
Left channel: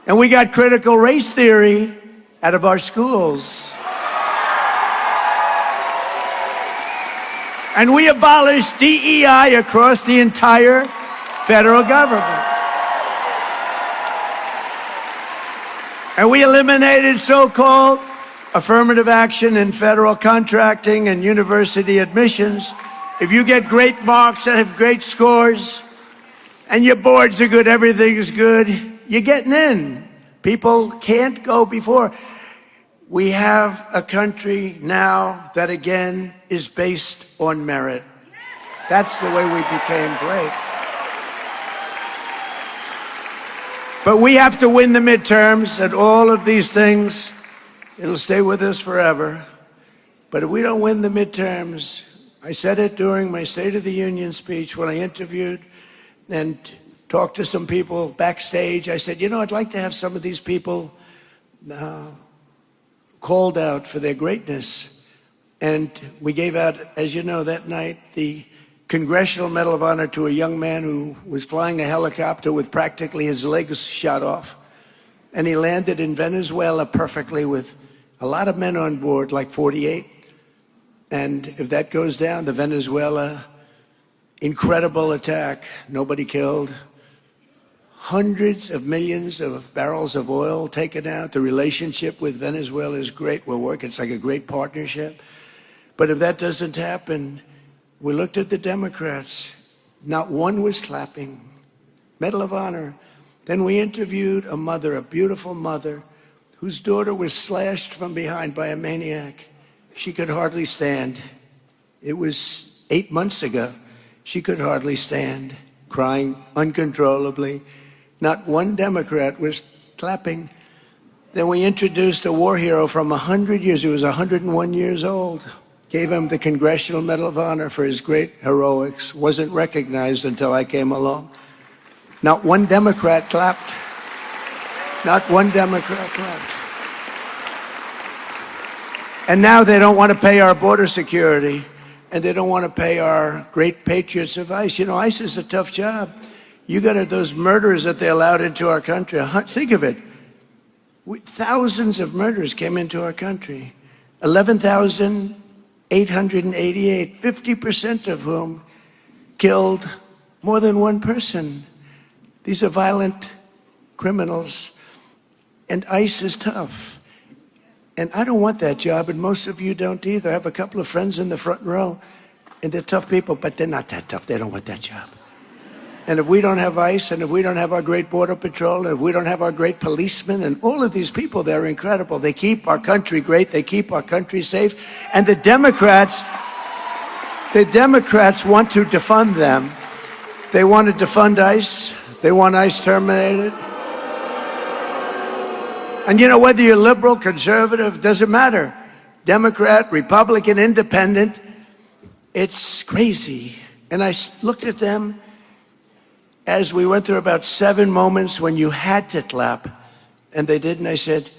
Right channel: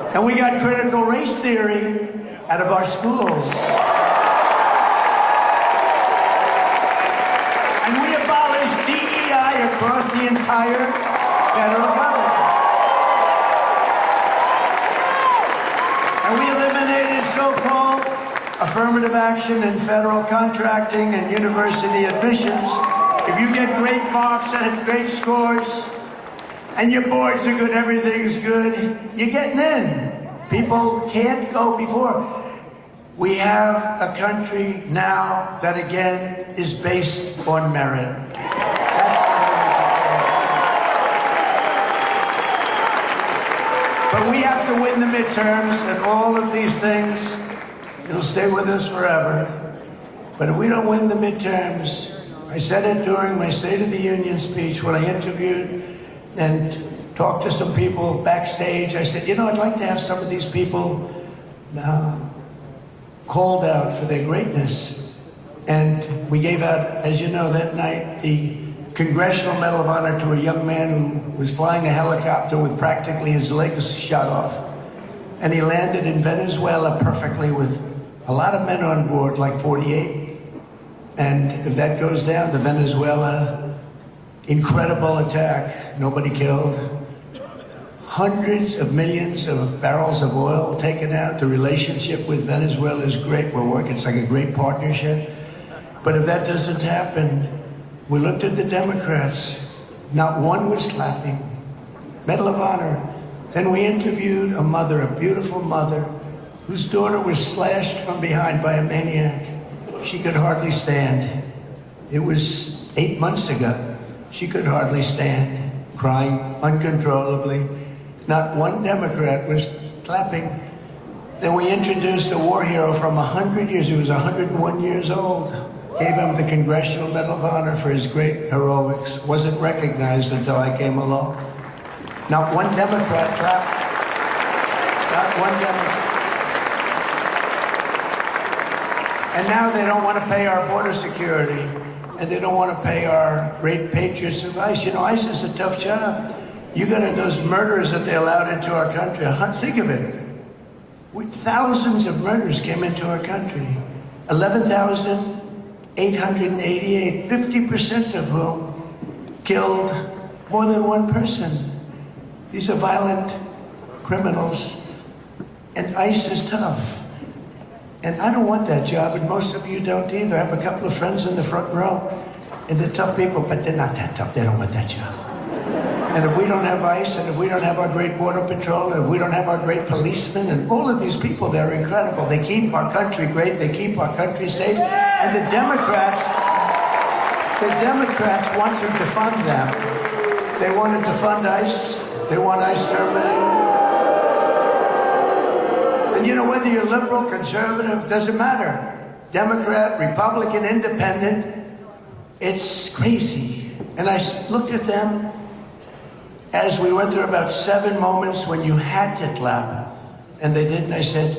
And we got critical race theory out of our schools. And we abolished DEI across the entire federal government. And we eliminated so-called affirmative action in federal contracting and university admissions. If you get great marks and have great scores, and your boards are good, everything's good, you're getting in. People can't go before. We have a country now that again is based on merit. That's the way we became great. But we have to win the midterms and all of these things. It'll stay with us forever. But if we don't win the midterms, I said it during my State of the Union speech when I interviewed and talked to some people backstage. I said, you know, I'd like to have some of these people called out for their greatness. And we gave out, as you know, that night, the Congressional Medal of Honor to a young man who was flying a helicopter with practically his legs shot off. And he landed in Venezuela perfectly with a lot of men on board, like 48. And if that goes down, the Venezuela incredible attack, nobody killed. Hundreds of millions of barrels of oil taken out. The relationship with Venezuela is great. We're working, it's like a great partnership. But if that doesn't happen, we looked at the Democrats. Not one was clapping. Medal of Honor. Then we interviewed a mother, a beautiful mother, whose daughter was slashed from behind by a maniac. She could hardly stand. It was 8 months ago. She could hardly stand, crying uncontrollably. Not one Democrat was clapping. Then we introduced a war hero from 100 years. He was 101 years old. Gave him the Congressional Medal of Honor for his great heroics. Wasn't recognized until I came along. Not one Democrat clapped. Not one Democrat clapped. And now they don't want to pay our border security, and they don't want to pay our great patriots of ICE. You know, ICE is a tough job. You got those murders that they allowed into our country. Think of it. Thousands of murders came into our country. 11,888, 50% of whom killed more than one person. These are violent criminals, and ICE is tough. And I don't want that job, and most of you don't either. I have a couple of friends in the front row, and they're tough people, but they're not that tough. They don't want that job. And if we don't have ICE, and if we don't have our great Border Patrol, and if we don't have our great policemen, and all of these people, they're incredible. They keep our country great. They keep our country safe. And the Democrats want to defund them. They want to defund ICE. They want ICE terminated. And you know, whether you're liberal, conservative, doesn't matter. Democrat, Republican, Independent, it's crazy. And I looked at them as we went through about 7 moments when you had to clap, and they didn't. I said,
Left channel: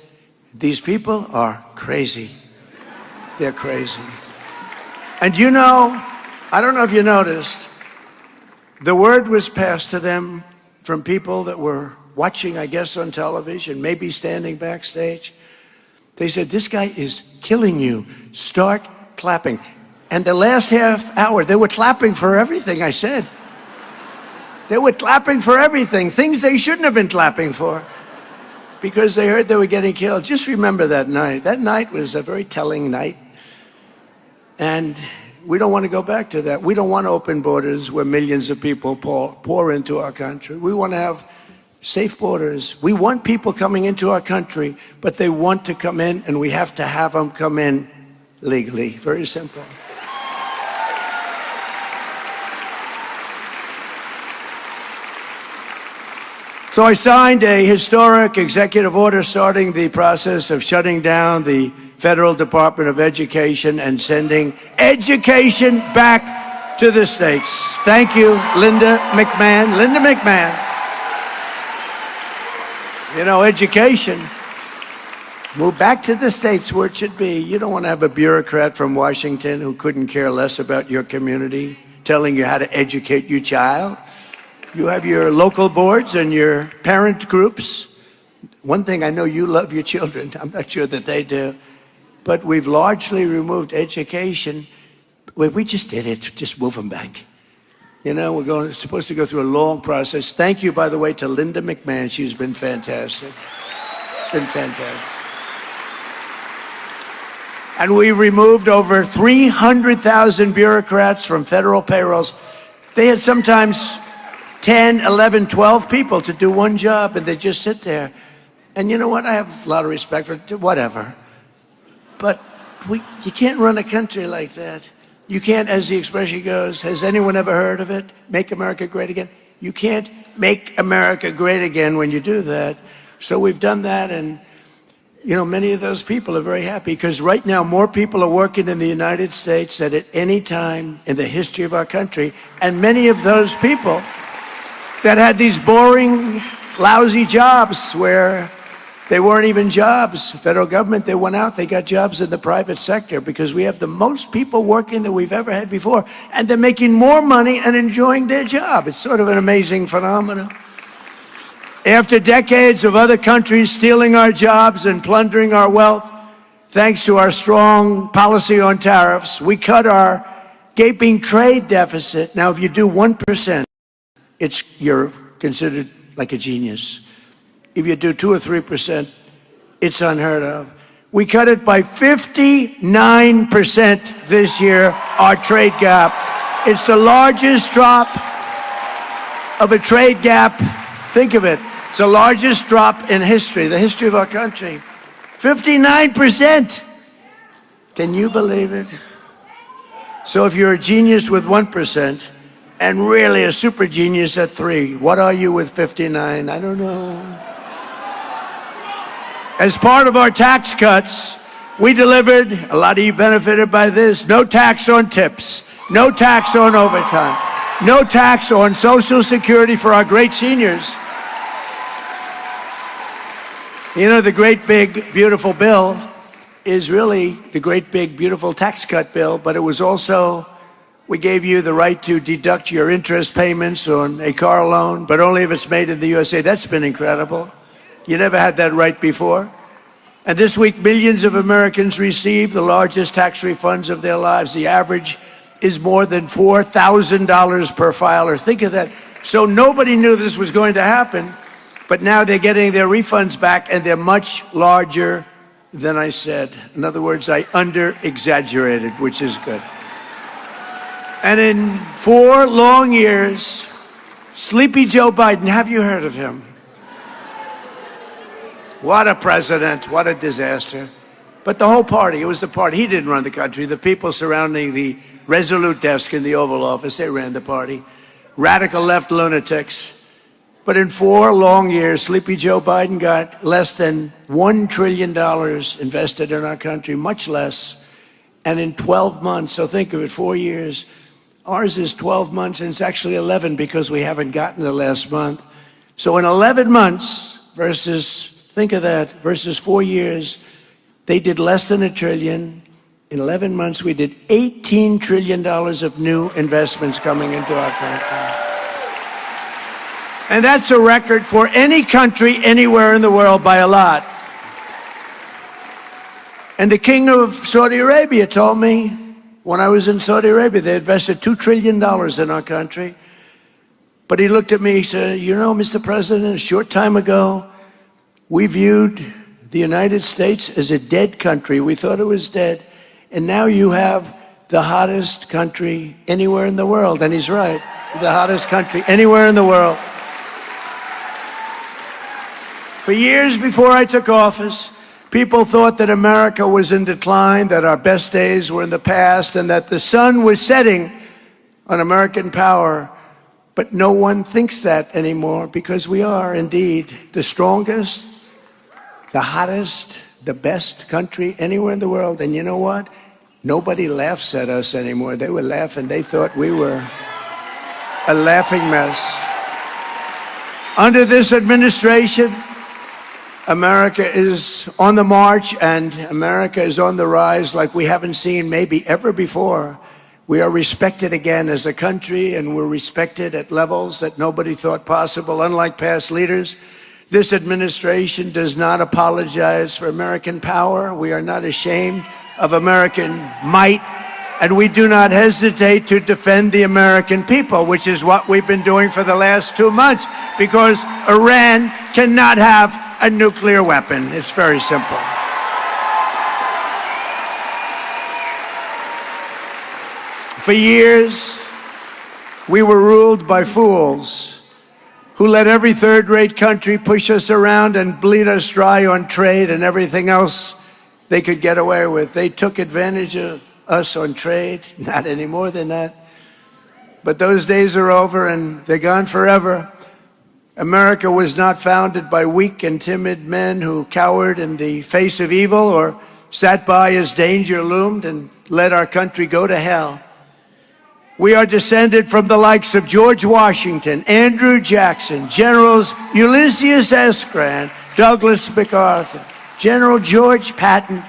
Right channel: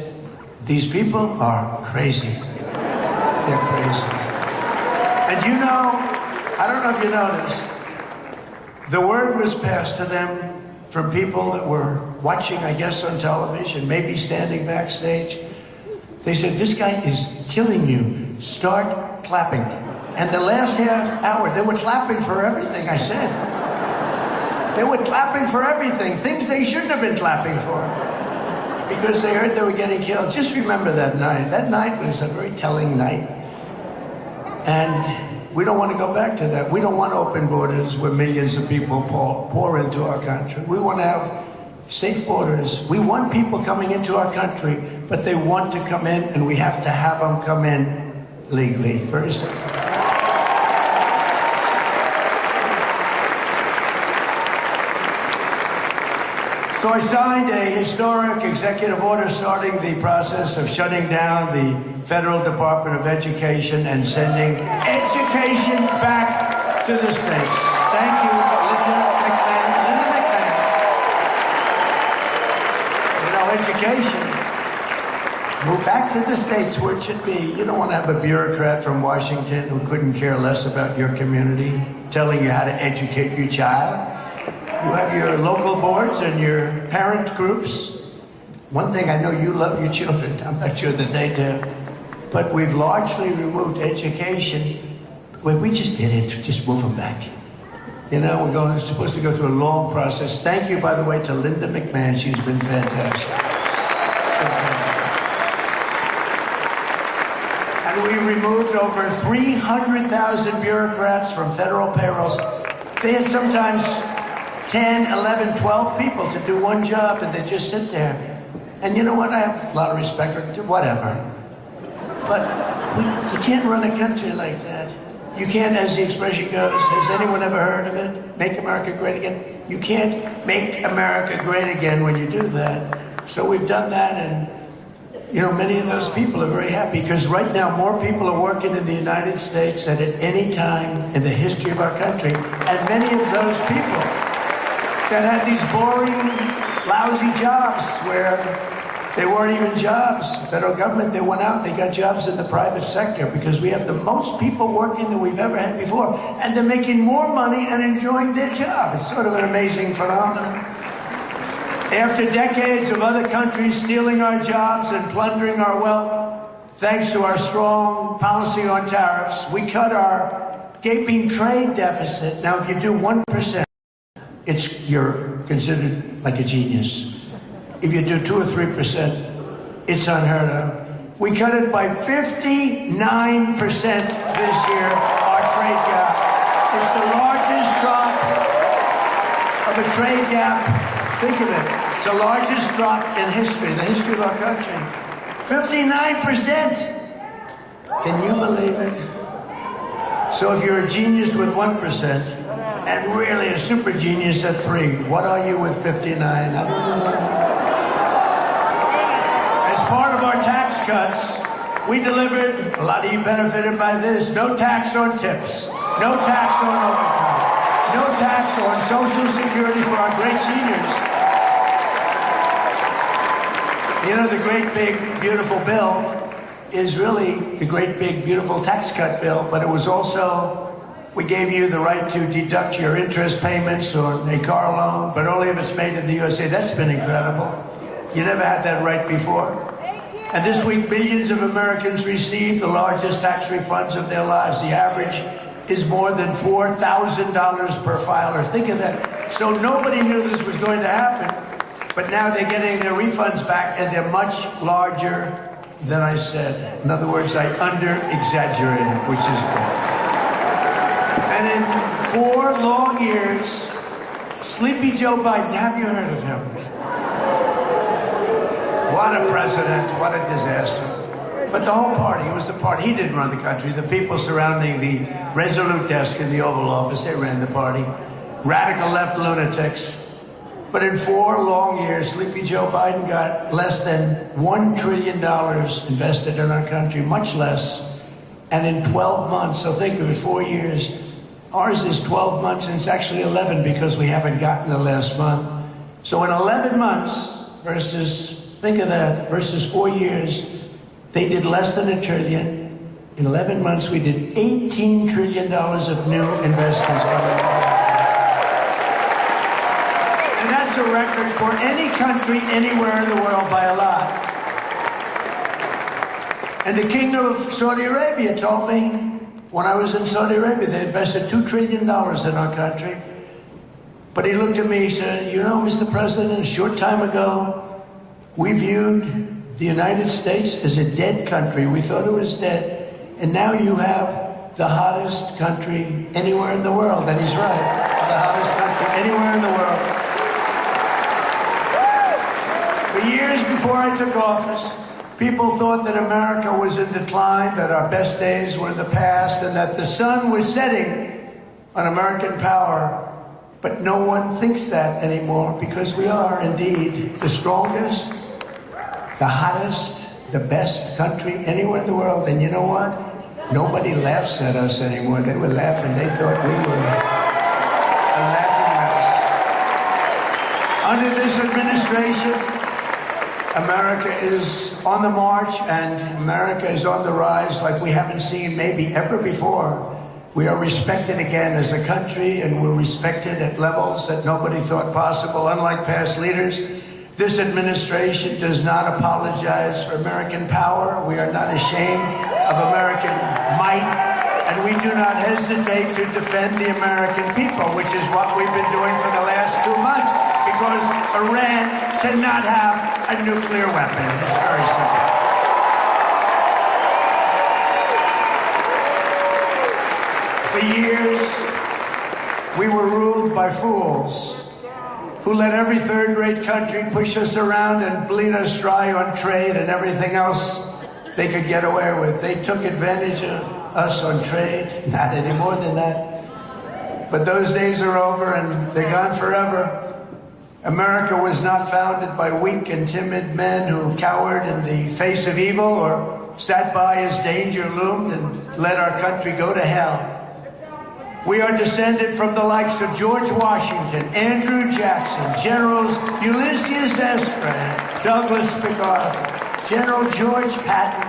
these people are crazy. They're crazy. And you know, I don't know if you noticed, the word was passed to them from people that were watching, I guess, on television, maybe standing backstage. They said, this guy is killing you. Start clapping. And the last half hour, they were clapping for everything I said. They were clapping for everything, things they shouldn't have been clapping for, because they heard they were getting killed. Just remember that night. That night was a very telling night. And we don't want to go back to that. We don't want open borders where millions of people pour into our country. We want to have safe borders. We want people coming into our country, but they want to come in, and we have to have them come in legally. Very simple. So I signed a historic executive order starting the process of shutting down the Federal Department of Education and sending education back to the states. Thank you, Linda McMahon. Linda McMahon. You know, education, move back to the states where it should be. You don't want to have a bureaucrat from Washington who couldn't care less about your community telling you how to educate your child. You have your local boards and your parent groups. One thing, I know you love your children. I'm not sure that they do. But we've largely removed education. Well, we just did it. Just move them back. You know, we're supposed to go through a long process. Thank you, by the way, to Linda McMahon. She's been fantastic. Been fantastic. And we removed over 300,000 bureaucrats from federal payrolls. They had sometimes 10, 11, 12 people to do one job, and they just sit there. And you know what? I have a lot of respect for whatever. But you can't run a country like that. You can't, as the expression goes, has anyone ever heard of it? Make America great again? You can't make America great again when you do that. So we've done that, and you know, many of those people are very happy, because right now more people are working in the United States than at any time in the history of our country. And many of those people that had these boring, lousy jobs where they weren't even jobs. Federal government, they went out, they got jobs in the private sector, because we have the most people working than we've ever had before. And they're making more money and enjoying their job. It's sort of an amazing phenomenon. After decades of other countries stealing our jobs and plundering our wealth, thanks to our strong policy on tariffs, we cut our gaping trade deficit. Now, if you do 1%, you're considered like a genius. If you do 2 or 3%, it's unheard of. We cut it by 59% this year, our trade gap. It's the largest drop of a trade gap. Think of it. It's the largest drop in history, the history of our country. 59%. Can you believe it? So if you're a genius with 1%, and really a super genius at 3%, what are you with 59? I don't know. As part of our tax cuts, we delivered, a lot of you benefited by this, no tax on tips, no tax on overtime, no tax on Social Security for our great seniors. You know, the great big beautiful bill is really the great big beautiful tax cut bill, but it was also, we gave you the right to deduct your interest payments on a car loan, but only if it's made in the USA. That's been incredible. You never had that right before. And this week, millions of Americans received the largest tax refunds of their lives. The average is more than $4,000 per filer. Think of that. So nobody knew this was going to happen, but now they're getting their refunds back, and they're much larger than I said. In other words, I under-exaggerated, which is good. And in 4 long years, Sleepy Joe Biden, have you heard of him? What a president, what a disaster. But the whole party, it was the party. He didn't run the country. The people surrounding the Resolute desk in the Oval Office, they ran the party. Radical left lunatics. But in 4 long years, Sleepy Joe Biden got less than $1 trillion invested in our country, much less. And in 12 months, so think of it, 4 years. Ours is 12 months, and it's actually 11 because we haven't gotten the last month. So in 11 months versus, think of that, versus 4 years, they did less than $1 trillion. In 11 months, we did $18 trillion of new investments coming into our country. And that's a record for any country anywhere in the world by a lot. And the king of Saudi Arabia told me when I was in Saudi Arabia, they invested $2 trillion in our country. But he looked at me, he said, you know, Mr. President, a short time ago, we viewed the United States is a dead country. We thought it was dead. And now you have the hottest country anywhere in the world. And he's right, the hottest country anywhere in the world. For years before I took office, people thought that America was in decline, that our best days were in the past, and that the sun was setting on American power. But no one thinks that anymore, because we are indeed the strongest, the hottest, the best country anywhere in the world. And you know what? Nobody laughs at us anymore. They were laughing. They thought we were a laughing mess. Under this administration, America is on the march, and America is on the rise like we haven't seen maybe ever before. We are respected again as a country, and we're respected at levels that nobody thought possible. Unlike past leaders, this administration does not apologize for American power. We are not ashamed of American might, and we do not hesitate to defend the American people, which is what we've been doing for the last 2 months, because Iran cannot have a nuclear weapon. It's very simple. For years, we were ruled by fools who let every third-rate country push us around and bleed us dry on trade and everything else they could get away with. They took advantage of us on trade, not any more than that. But those days are over, and they're gone forever. America was not founded by weak and timid men who cowered in the face of evil or sat by as danger loomed and let our country go to hell. We are descended from the likes of George Washington, Andrew Jackson, Generals Ulysses S. Grant, Douglas MacArthur, General George Patton.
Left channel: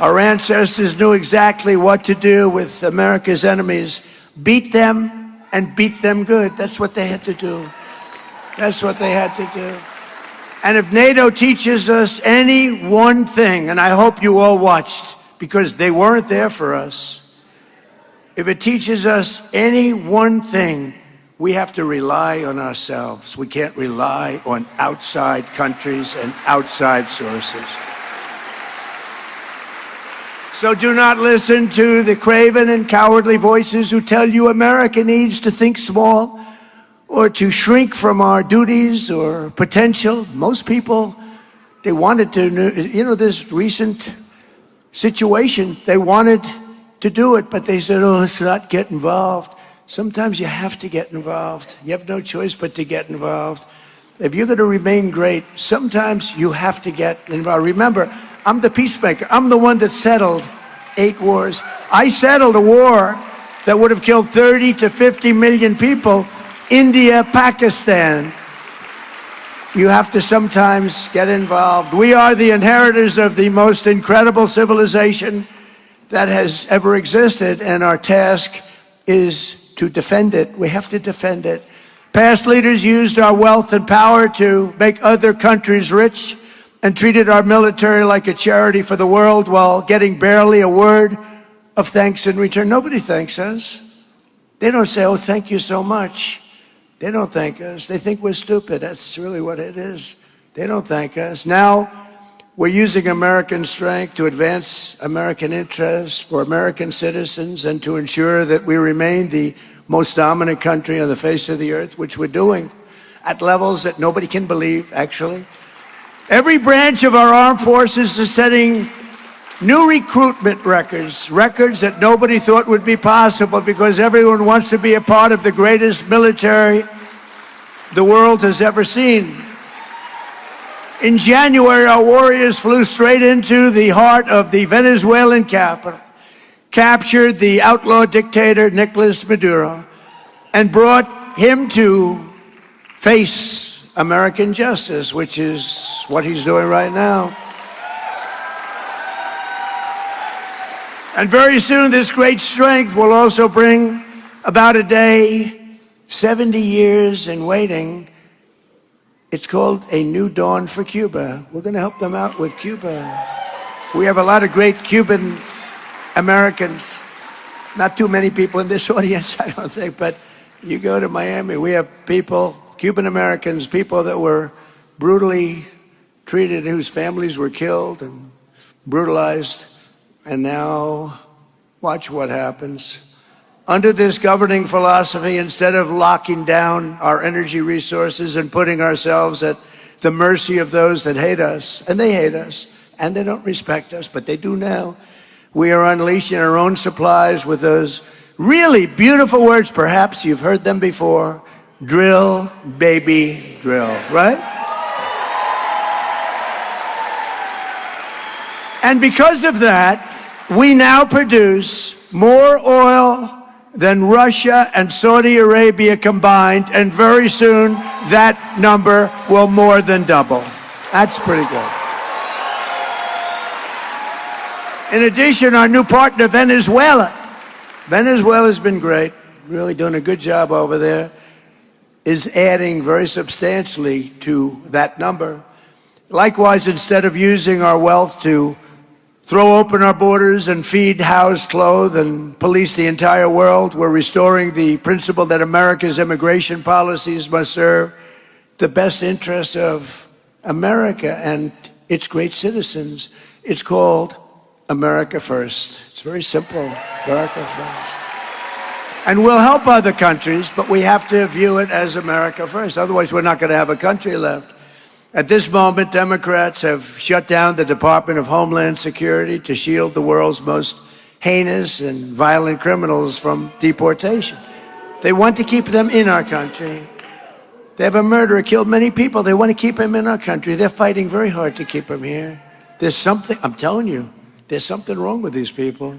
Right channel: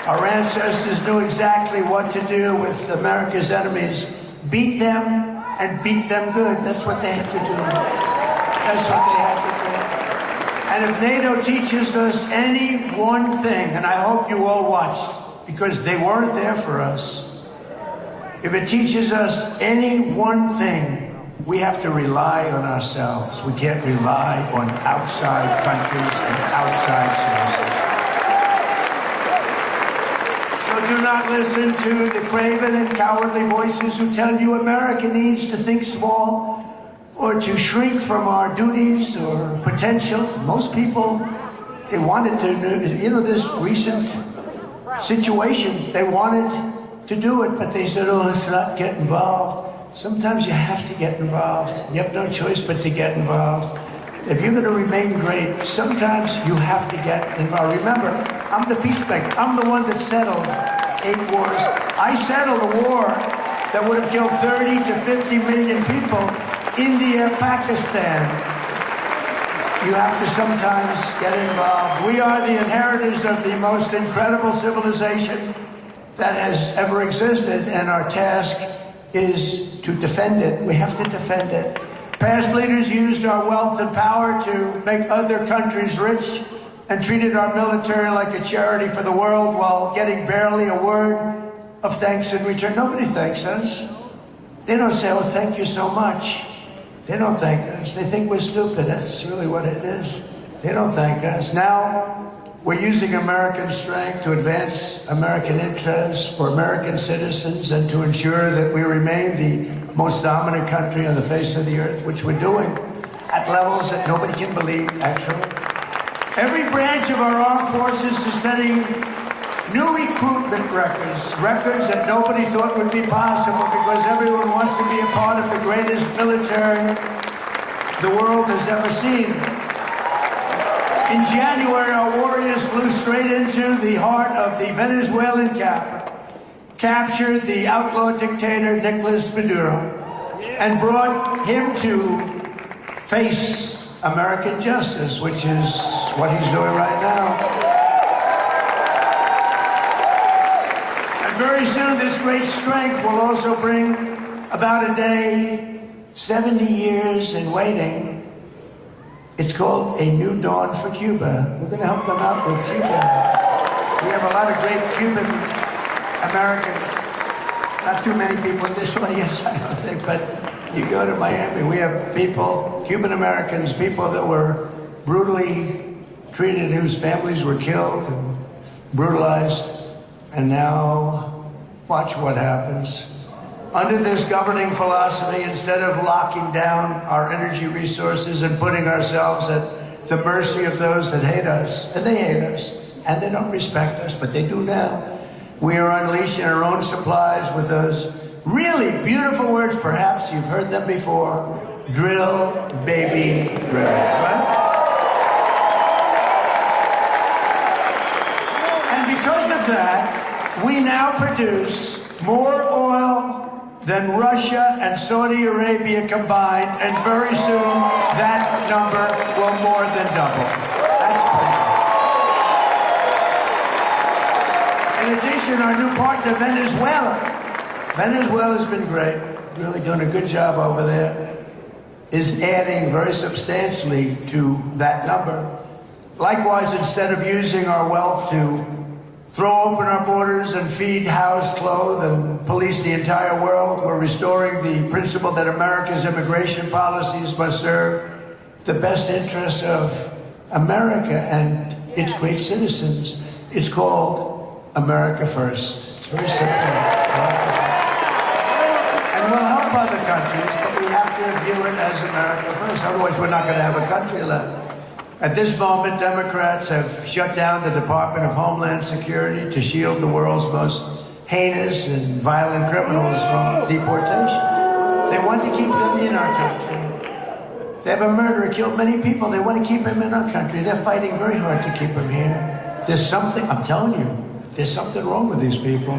Our ancestors knew exactly what to do with America's enemies. Beat them and beat them good. That's what they had to do. That's what they had to do. And if NATO teaches us any one thing, and I hope you all watched, because they weren't there for us, if it teaches us any one thing, we have to rely on ourselves. We can't rely on outside countries and outside sources. So do not listen to the craven and cowardly voices who tell you America needs to think small or to shrink from our duties or potential. Most people, they wanted to, you know, this recent situation, they wanted to do it, but they said, oh, let's not get involved. Sometimes you have to get involved. You have no choice but to get involved. If you're going to remain great, sometimes you have to get involved. Remember, I'm the peacemaker. I'm the one that settled 8 wars. I settled a war that would have killed 30 to 50 million people. India, Pakistan. You have to sometimes get involved. We are the inheritors of the most incredible civilization that has ever existed, and our task is to defend it. We have to defend it. Past leaders used our wealth and power to make other countries rich and treated our military like a charity for the world while getting barely a word of thanks in return. Nobody thanks us. They don't say, oh, thank you so much. They don't thank us. They think we're stupid. That's really what it is. They don't thank us. Now, we're using American strength to advance American interests for American citizens and to ensure that we remain the most dominant country on the face of the earth, which we're doing at levels that nobody can believe, actually. Every branch of our armed forces is setting new recruitment records that nobody thought would be possible because everyone wants to be a part of the greatest military the world has ever seen. In January, our warriors flew straight into the heart of the Venezuelan capital, captured the outlaw dictator Nicolas Maduro, and brought him to face American justice, which is what he's doing right now. And very soon, this great strength will also bring about a day, 70 years in waiting. It's called A New Dawn for Cuba. We're going to help them out with Cuba. We have a lot of great Cuban Americans. Not too many people in this audience, I don't think, but you go to Miami, we have people, Cuban Americans, people that were brutally treated, whose families were killed and brutalized. And now, watch what happens. Under this governing philosophy, instead of locking down our energy resources and putting ourselves at the mercy of those that hate us, and they hate us, and they don't respect us, but they do now, we are unleashing our own supplies with those really beautiful words. Perhaps you've heard them before. Drill, baby, drill, right? And because of that, we now produce more oil than Russia and Saudi Arabia combined, and very soon that number will more than double. That's pretty good. In addition, our new partner, Venezuela's been great, really doing a good job over there, is adding very substantially to that number. Likewise, instead of using our wealth to throw open our borders and feed, house, clothe, and police the entire world, we're restoring the principle that America's immigration policies must serve the best interests of America and its great citizens. It's called America First. It's very simple. America First. And we'll help other countries, but we have to view it as America First. Otherwise, we're not going to have a country left. At this moment, Democrats have shut down the Department of Homeland Security to shield the world's most heinous and violent criminals from deportation. They want to keep them in our country. They have a murderer, killed many people. They want to keep him in our country. They're fighting very hard to keep him here. There's something, I'm telling you, there's something wrong with these people.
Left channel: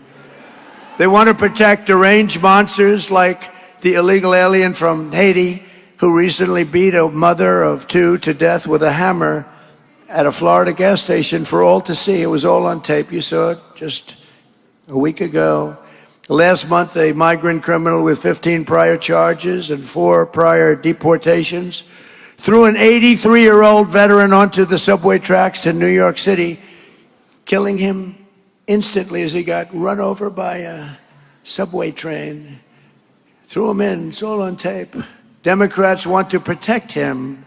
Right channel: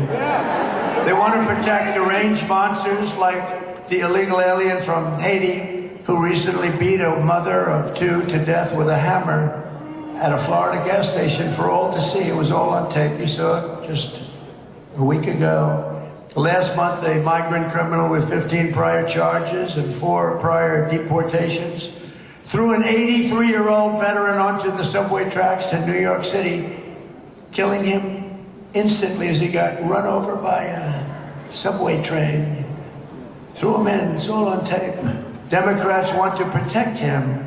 They want to protect deranged monsters like the illegal alien from Haiti, who recently beat a mother of two to death with a hammer at a Florida gas station for all to see. It was all on tape. You saw it just a week ago. Last month, a migrant criminal with 15 prior charges and 4 prior deportations threw an 83-year-old veteran onto the subway tracks in New York City, killing him instantly as he got run over by a subway train. Threw him in. It's all on tape. Democrats want to protect him.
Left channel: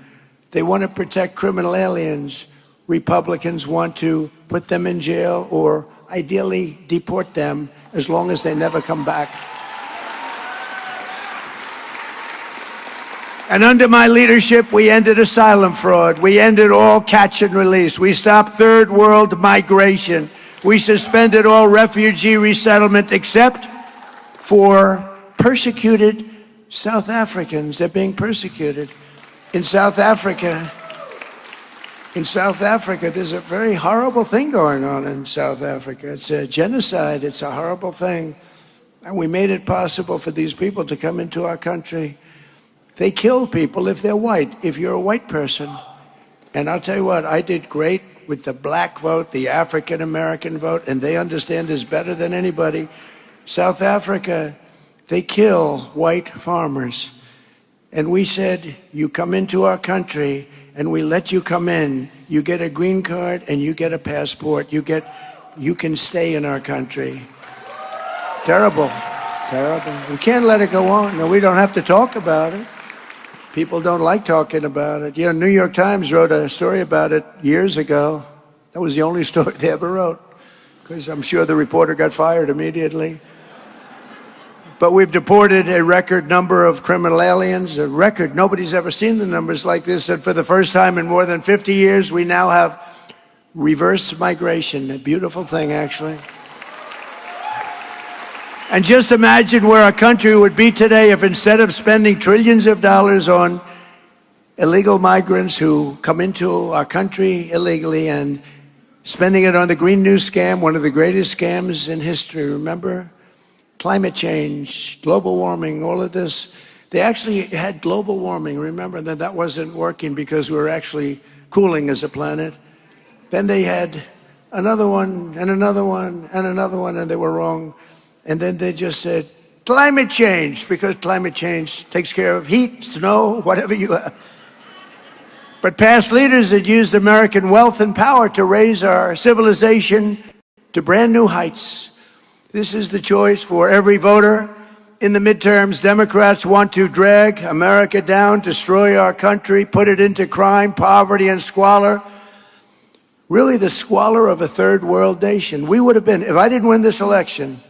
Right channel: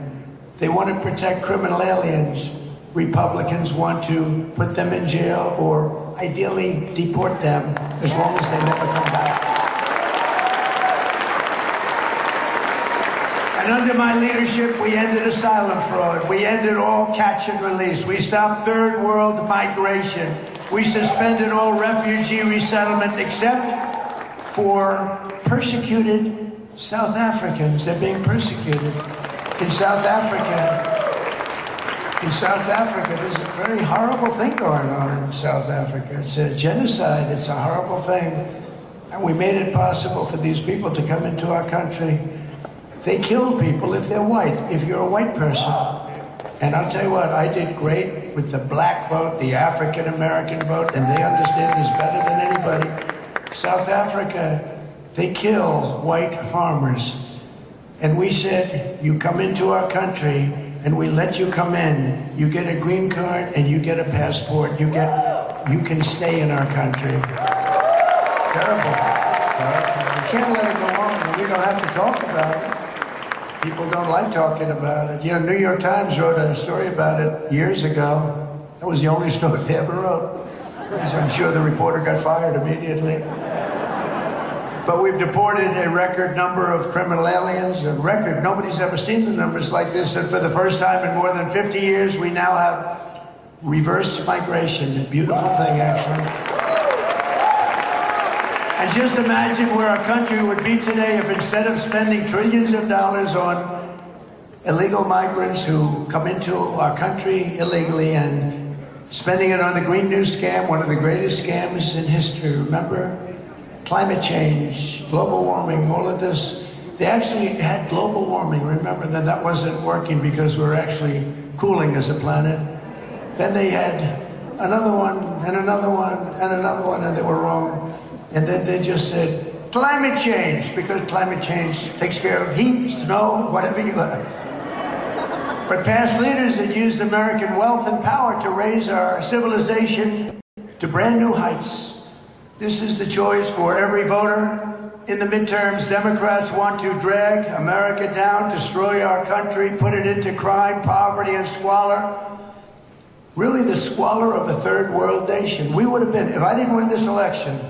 They want to protect criminal aliens. Republicans want to put them in jail or ideally deport them as long as they never come back. And under my leadership, we ended asylum fraud. We ended all catch and release. We stopped third world migration. We suspended all refugee resettlement except for persecuted South Africans. They're being persecuted. In South Africa, there's a very horrible thing going on in South Africa. It's a genocide. It's a horrible thing. And we made it possible for these people to come into our country. They kill people if they're white, if you're a white person. And I'll tell you what, I did great with the black vote, the African American vote, and they understand this better than anybody. South Africa, they kill white farmers. And we said, you come into our country and we let you come in. You get a green card and you get a passport. You can stay in our country. Terrible. Terrible. We can't let it go on. No, we don't have to talk about it. People don't like talking about it. You know, New York Times wrote a story about it years ago. That was the only story they ever wrote. Because I'm sure the reporter got fired immediately. But we've deported a record number of criminal aliens, a record. Nobody's ever seen the numbers like this. And for the first time in more than 50 years, we now have reverse migration. A beautiful thing, actually. And just imagine where our country would be today if instead of spending trillions of dollars on illegal migrants who come into our country illegally and spending it on the Green New Scam, one of the greatest scams in history, remember? Climate change, global warming, all of this. They actually had global warming, remember that wasn't working because we were actually cooling as a planet. Then they had another one, and another one, and another one, and they were wrong. And then they just said, climate change, because climate change takes care of heat, snow, whatever you have. But past leaders had used American wealth and power to raise our civilization to brand new heights. This is the choice for every voter. In the midterms, Democrats want to drag America down, destroy our country, put it into crime, poverty, and squalor. Really the squalor of a third world nation. We would have been, if I didn't win this election,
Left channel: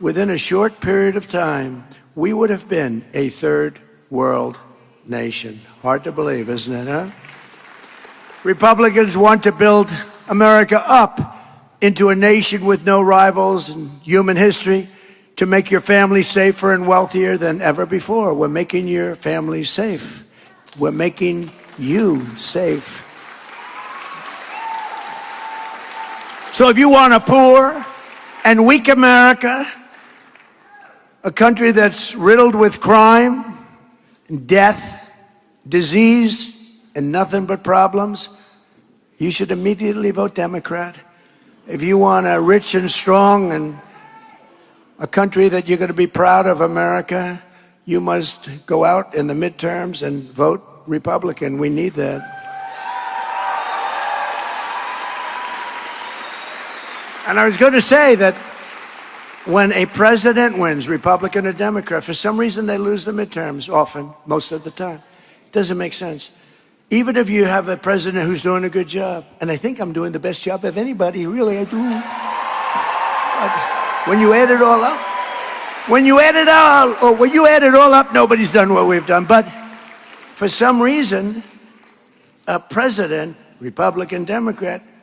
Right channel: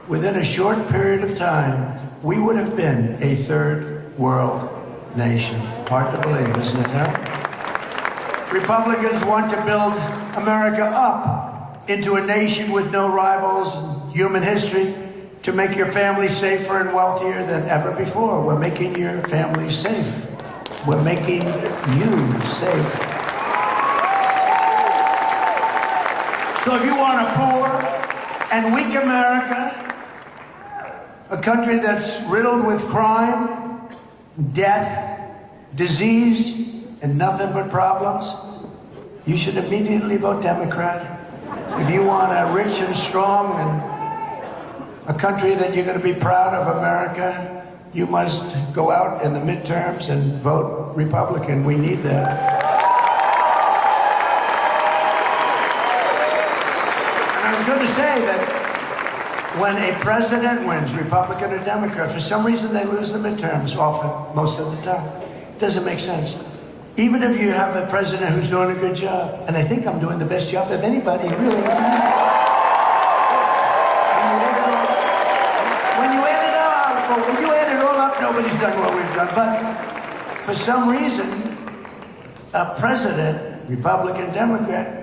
within a short period of time, we would have been a third world nation. Hard to believe, isn't it, huh? Republicans want to build America up into a nation with no rivals in human history, to make your family safer and wealthier than ever before. We're making your family safe. We're making you safe. So if you want a poor and weak America, a country that's riddled with crime, death, disease, and nothing but problems, you should immediately vote Democrat. If you want a rich and strong and a country that you're going to be proud of, America, you must go out in the midterms and vote Republican. We need that. And I was going to say that when a president wins, Republican or Democrat, for some reason they lose the midterms, often, most of the time. It doesn't make sense. Even if you have a president who's doing a good job, and I think I'm doing the best job of anybody, really, I do. When you add it all up, nobody's done what we've done. But for some reason, a president, Republican, Democrat,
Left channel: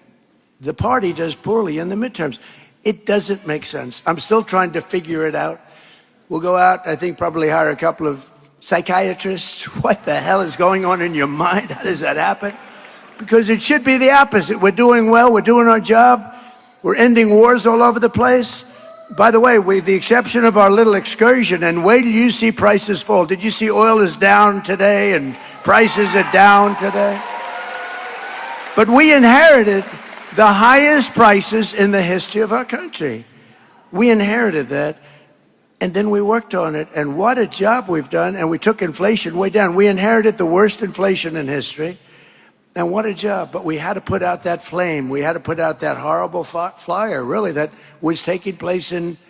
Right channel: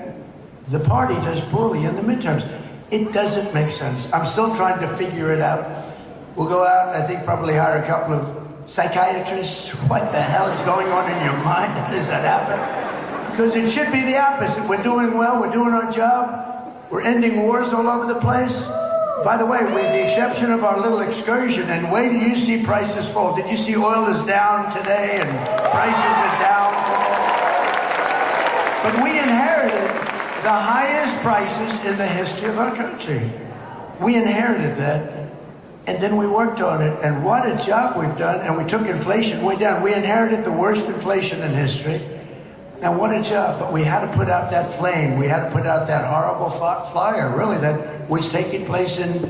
the party does poorly in the midterms. It doesn't make sense. I'm still trying to figure it out. We'll go out, I think probably hire a couple of psychiatrists. What the hell is going on in your mind? How does that happen? Because it should be the opposite. We're doing well, we're doing our job, we're ending wars all over the place. By the way, with the exception of our little excursion, and wait till you see prices fall. Did you see oil is down today and prices are down today? But we inherited the highest prices in the history of our country. We inherited that, and then we worked on it, and what a job we've done, and we took inflation way down. We inherited the worst inflation in history, and what a job, but we had to put out that flame. We had to put out that horrible fire, really, that was taking place in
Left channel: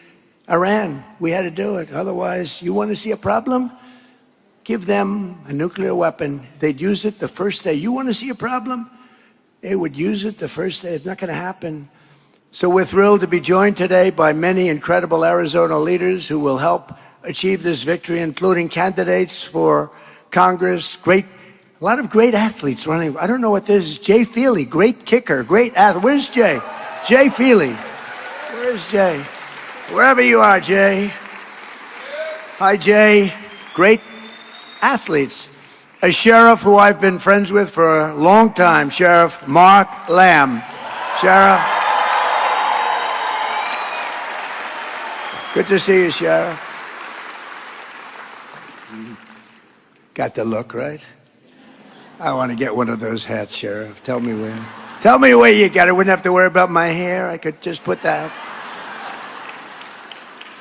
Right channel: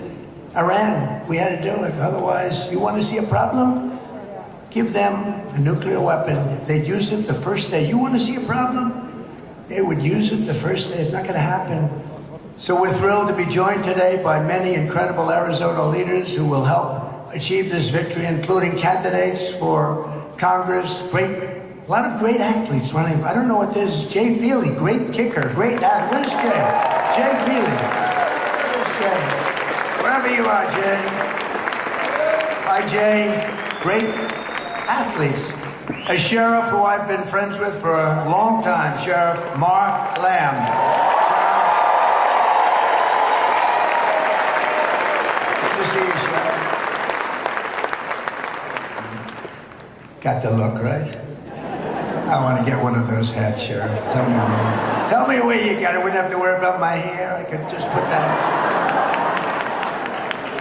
Iran. We had to do it, otherwise, you want to see a problem? Give them a nuclear weapon. They'd use it the first day. You want to see a problem? They would use it the first day. It's not going to happen. So we're thrilled to be joined today by many incredible Arizona leaders who will help achieve this victory, including candidates for Congress, a lot of great athletes running. I don't know what this is. Jay Feely, great kicker, great athlete. Where's Jay? Jay Feely. Where's Jay? Wherever you are, Jay. Hi, Jay. Great athletes. A sheriff who I've been friends with for a long time, Sheriff Mark Lamb. Sheriff. Good to see you, Sheriff. Got the look, right? I want to get one of those hats, Sheriff. Tell me where you got it. I wouldn't have to worry about my hair. I could just put that.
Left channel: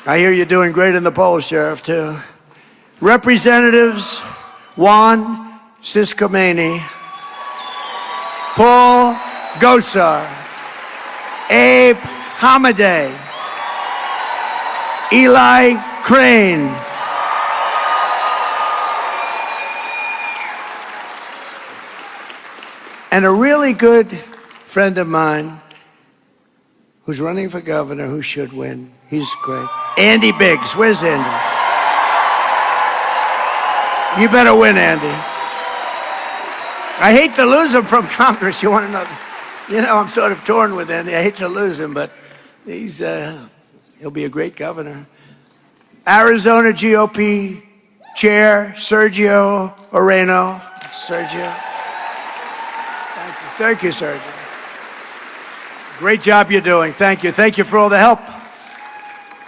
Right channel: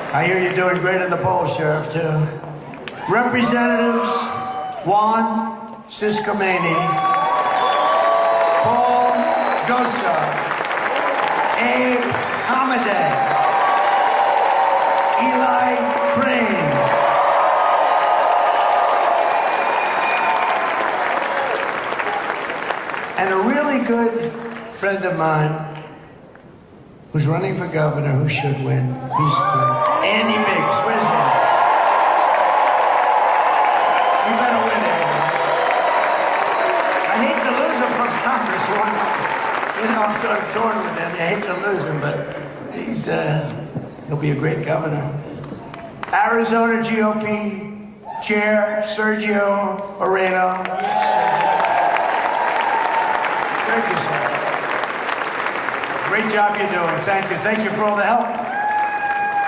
I hear you're doing great in the polls, Sheriff, too. Representatives Juan Ciscomani, Paul Gosa, Abe Hamadeh, Eli Crane. And a really good friend of mine who's running for governor, who should win. He's great. Andy Biggs. Where's Andy? You better win, Andy. I hate to lose him from Congress. You want to know? You know, I'm sort of torn with Andy. I hate to lose him, but he'll be a great governor. Arizona GOP Chair Sergio Moreno. Sergio. Thank you, sir. Great job you're doing. Thank you. Thank you for all the help.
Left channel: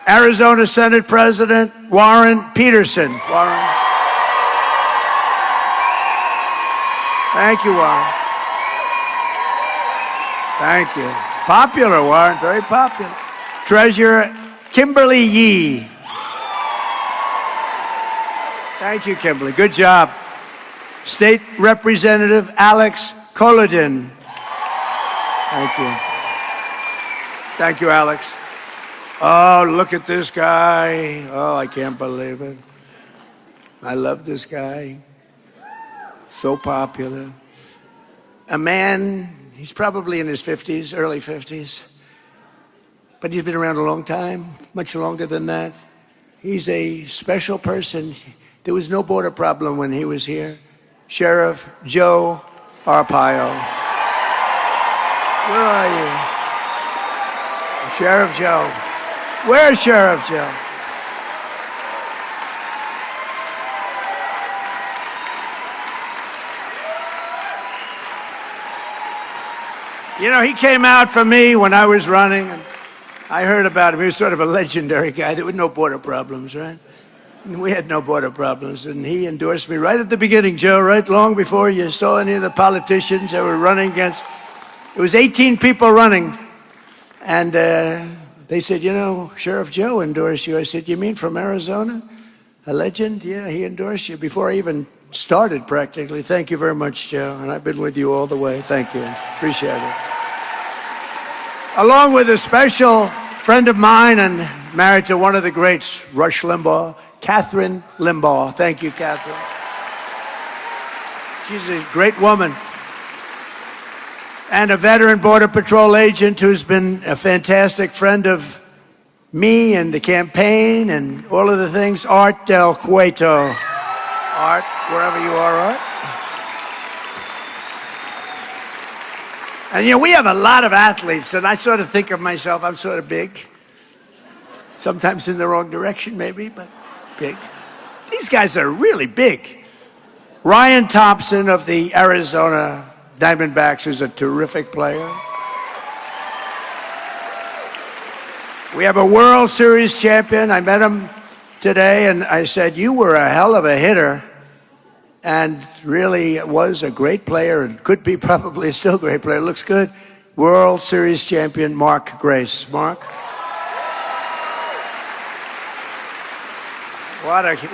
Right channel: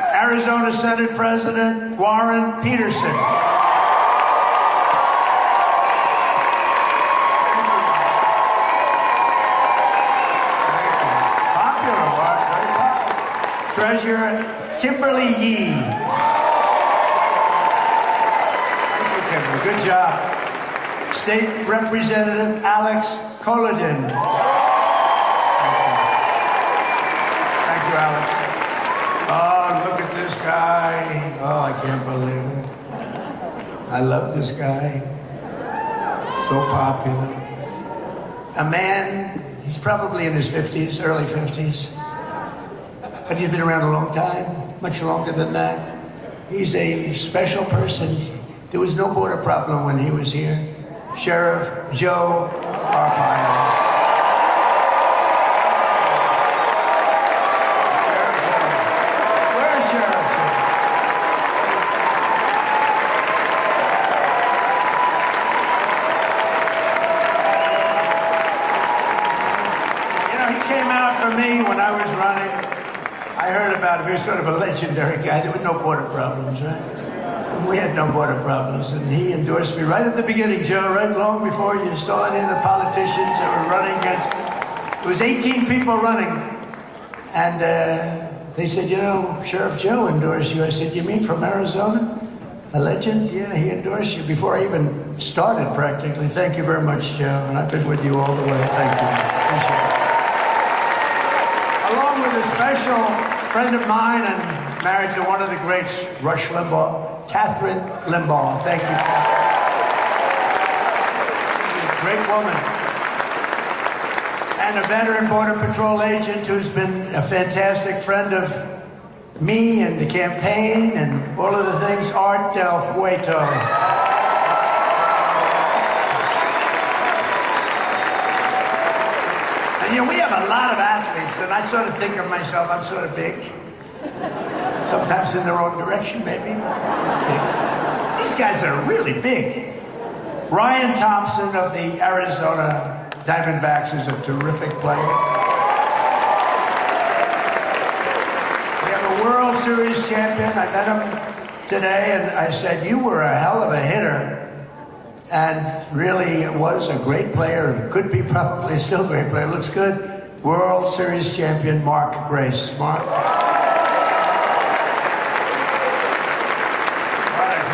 Arizona Senate President Warren Peterson. Warren. Thank you, Warren. Thank you. Popular, Warren. Very popular. Treasurer Kimberly Yee. Thank you, Kimberly. Good job. State Representative Alex Collodin. Thank you. Thank you, Alex. Oh, look at this guy. Oh, I can't believe it. I love this guy. So popular. A man, he's probably in his 50s, early 50s. But he's been around a long time, much longer than that. He's a special person. There was no border problem when he was here. Sheriff Joe Arpaio. Where are you? Sheriff Joe. Where's Sheriff Joe? You know, he came out for me when I was running. I heard about him. He was sort of a legendary guy. There were no border problems, huh? We had no border problems, and he endorsed me right at the beginning, Joe, right long before you saw any of the politicians that were running against. It was 18 people running, and they said, you know, Sheriff Joe endorsed you. I said, you mean from Arizona? A legend? Yeah, he endorsed you before I even started, practically. Thank you very much, Joe. I've been with you all the way. Thank you. Appreciate it. Along with a special friend of mine and married to one of the greats, Rush Limbaugh, Catherine Limbaugh. Thank you, Catherine. She's a great woman. And a veteran Border Patrol agent who's been a fantastic friend of me and the campaign and all of the things, Art Del Cueto. Art, wherever you are, Art. And you know, we have a lot of athletes, and I sort of think of myself, I'm sort of big. Sometimes in the wrong direction, maybe. Big. These guys are really big. Ryan Thompson of the Arizona Diamondbacks is a terrific player. We have a World Series champion. I met him today, and I said, you were a hell of a hitter. And really was a great player, and could be probably still a great player. Looks good. World Series champion Mark Grace. Mark?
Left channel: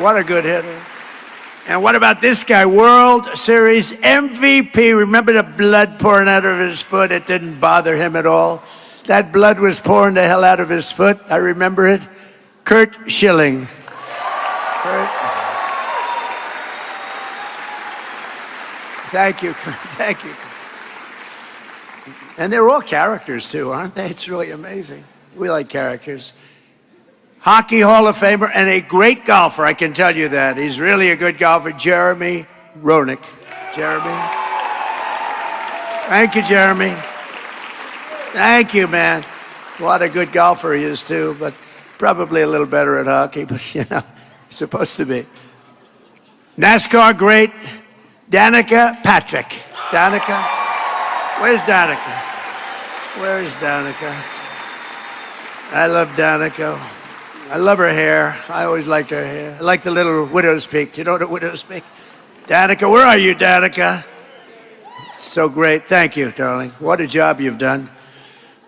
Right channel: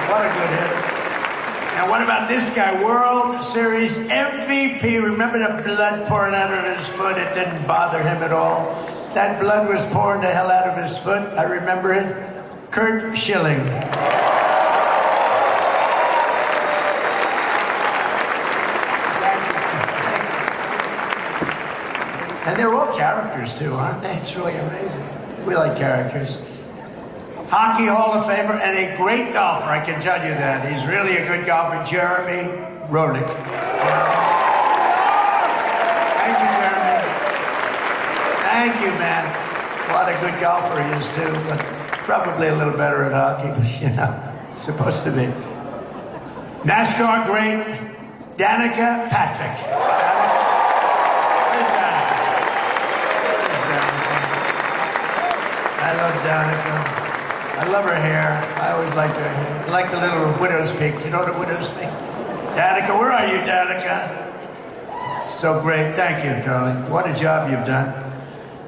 What a good hit. And what about this guy? World Series MVP. Remember the blood pouring out of his foot? It didn't bother him at all. That blood was pouring the hell out of his foot. I remember it. Kurt Schilling. Thank you. Thank you. And they're all characters, too, aren't they? It's really amazing. We like characters. Hockey Hall of Famer and a great golfer, I can tell you that. He's really a good golfer, Jeremy Roenick. Jeremy? Thank you, Jeremy. Thank you, man. What a good golfer he is, too, but probably a little better at hockey, but, you know, supposed to be. NASCAR great, Danica Patrick. Danica? Where's Danica? Where's Danica? I love Danica. I love her hair. I always liked her hair. I like the little widow's peak. You know what a widow's peak? Danica, where are you, Danica? So great. Thank you, darling. What a job you've done.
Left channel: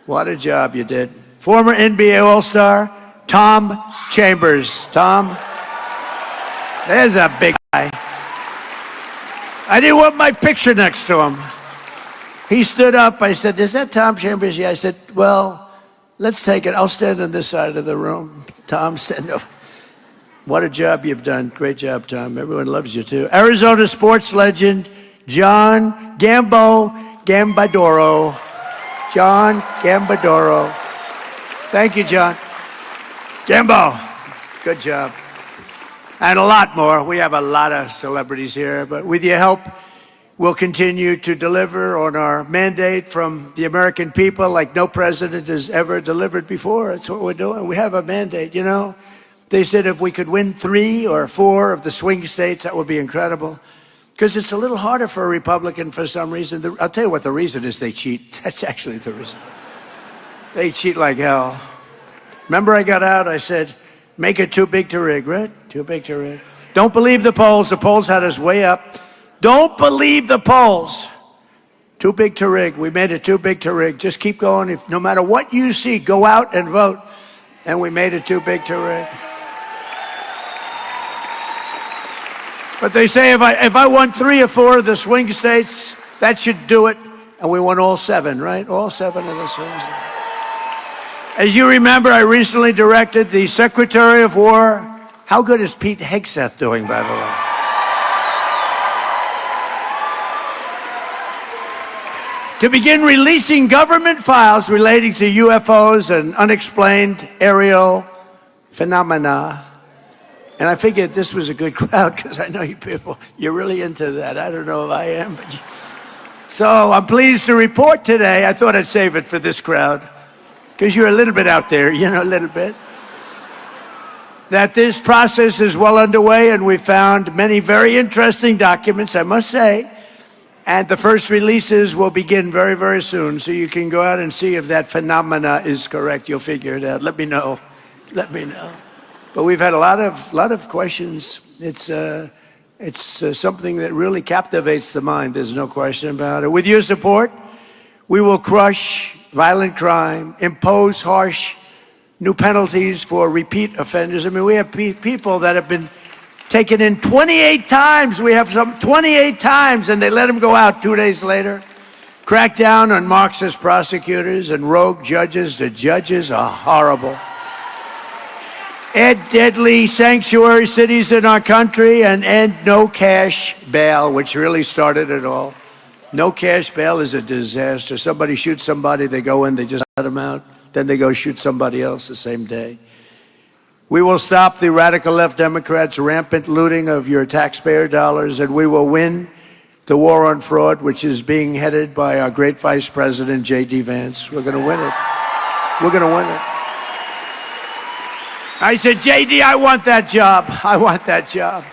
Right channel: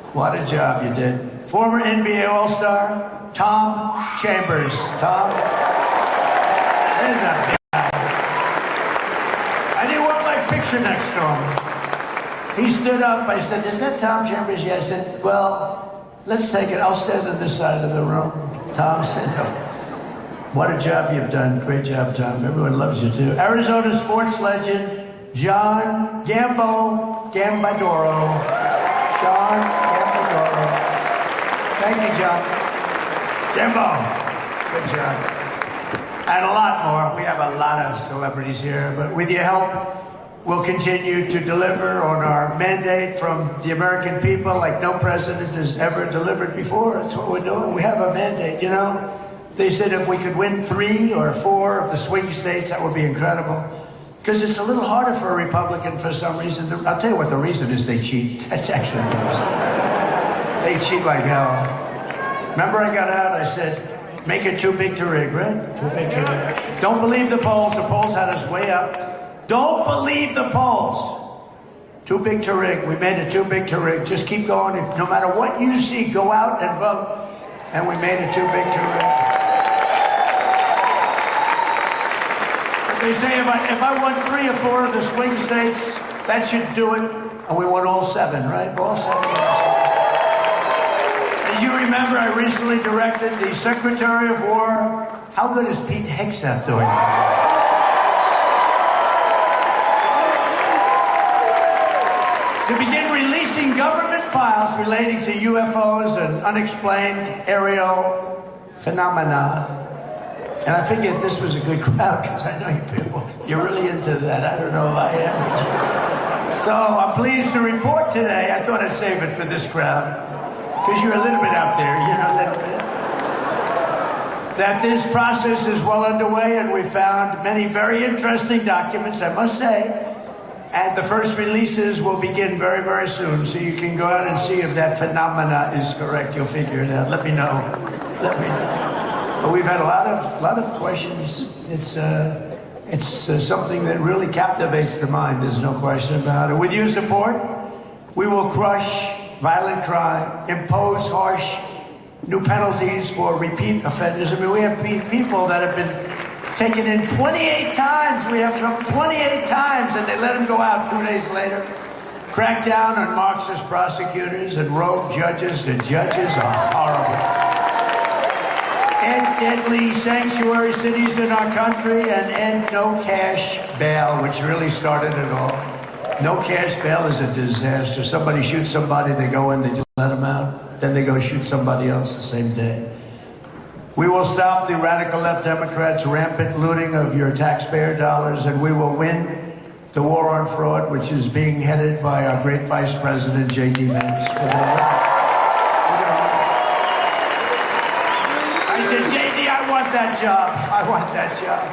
What a job you did. Former NBA All-Star, Tom Chambers. Tom, there's a big guy. I didn't want my picture next to him. He stood up. I said, is that Tom Chambers? Yeah. I said, well, let's take it. I'll stand on this side of the room. Tom, stand up. What a job you've done. Great job, Tom. Everyone loves you, too. Arizona sports legend, John Gambadoro. John Gambadoro. Thank you, John. Gambo. Good job. And a lot more. We have a lot of celebrities here, but with your help, we'll continue to deliver on our mandate from the American people like no president has ever delivered before. That's what we're doing. We have a mandate, you know. They said if we could win 3 or 4 of the swing states, that would be incredible. Because it's a little harder for a Republican for some reason. I'll tell you what the reason is: they cheat. That's actually the reason. They cheat like hell. Remember I got out, I said, make it too big to rig, right? Too big to rig. Don't believe the polls. The polls had us way up. Don't believe the polls. Too big to rig. We made it too big to rig. Just keep going. No matter what you see, go out and vote. And we made it too big to rig. But they say if I won 3 or 4 of the swing states, that should do it. And we won all 7, right? All 7 of the swing states. As you remember, I recently directed the Secretary of War. How good is Pete Hegseth doing, by the way? To begin releasing government files relating to UFOs and unexplained aerial phenomena. And I figured this was a good crowd because I know you people, you're really into that. I don't know if I am. So I'm pleased to report today, I thought I'd save it for this crowd, because you're a little bit out there, you know, a little bit, that this process is well underway, and we found many very interesting documents, I must say. And the first releases will begin very, very soon, so you can go out and see if that phenomena is correct. You'll figure it out. Let me know. Let me know. But we've had a lot of questions. It's something that really captivates the mind. There's no question about it. With your support, we will crush violent crime, impose harsh new penalties for repeat offenders. I mean, we have people that have been taken in 28 times. We have some 28 times, and they let them go out 2 days later. Crack down on Marxist prosecutors and rogue judges. The judges are horrible. End deadly sanctuary cities in our country, and end no cash bail, which really started it all. No cash bail is a disaster. Somebody shoots somebody, they go in, they just let them out. Then they go shoot somebody else the same day. We will stop the radical left Democrats' rampant looting of your taxpayer dollars, and we will win the war on fraud, which is being headed by our great Vice President, J.D. Vance. We're going to win it. We're going to win it. I said, J.D., I want that job. I want that job.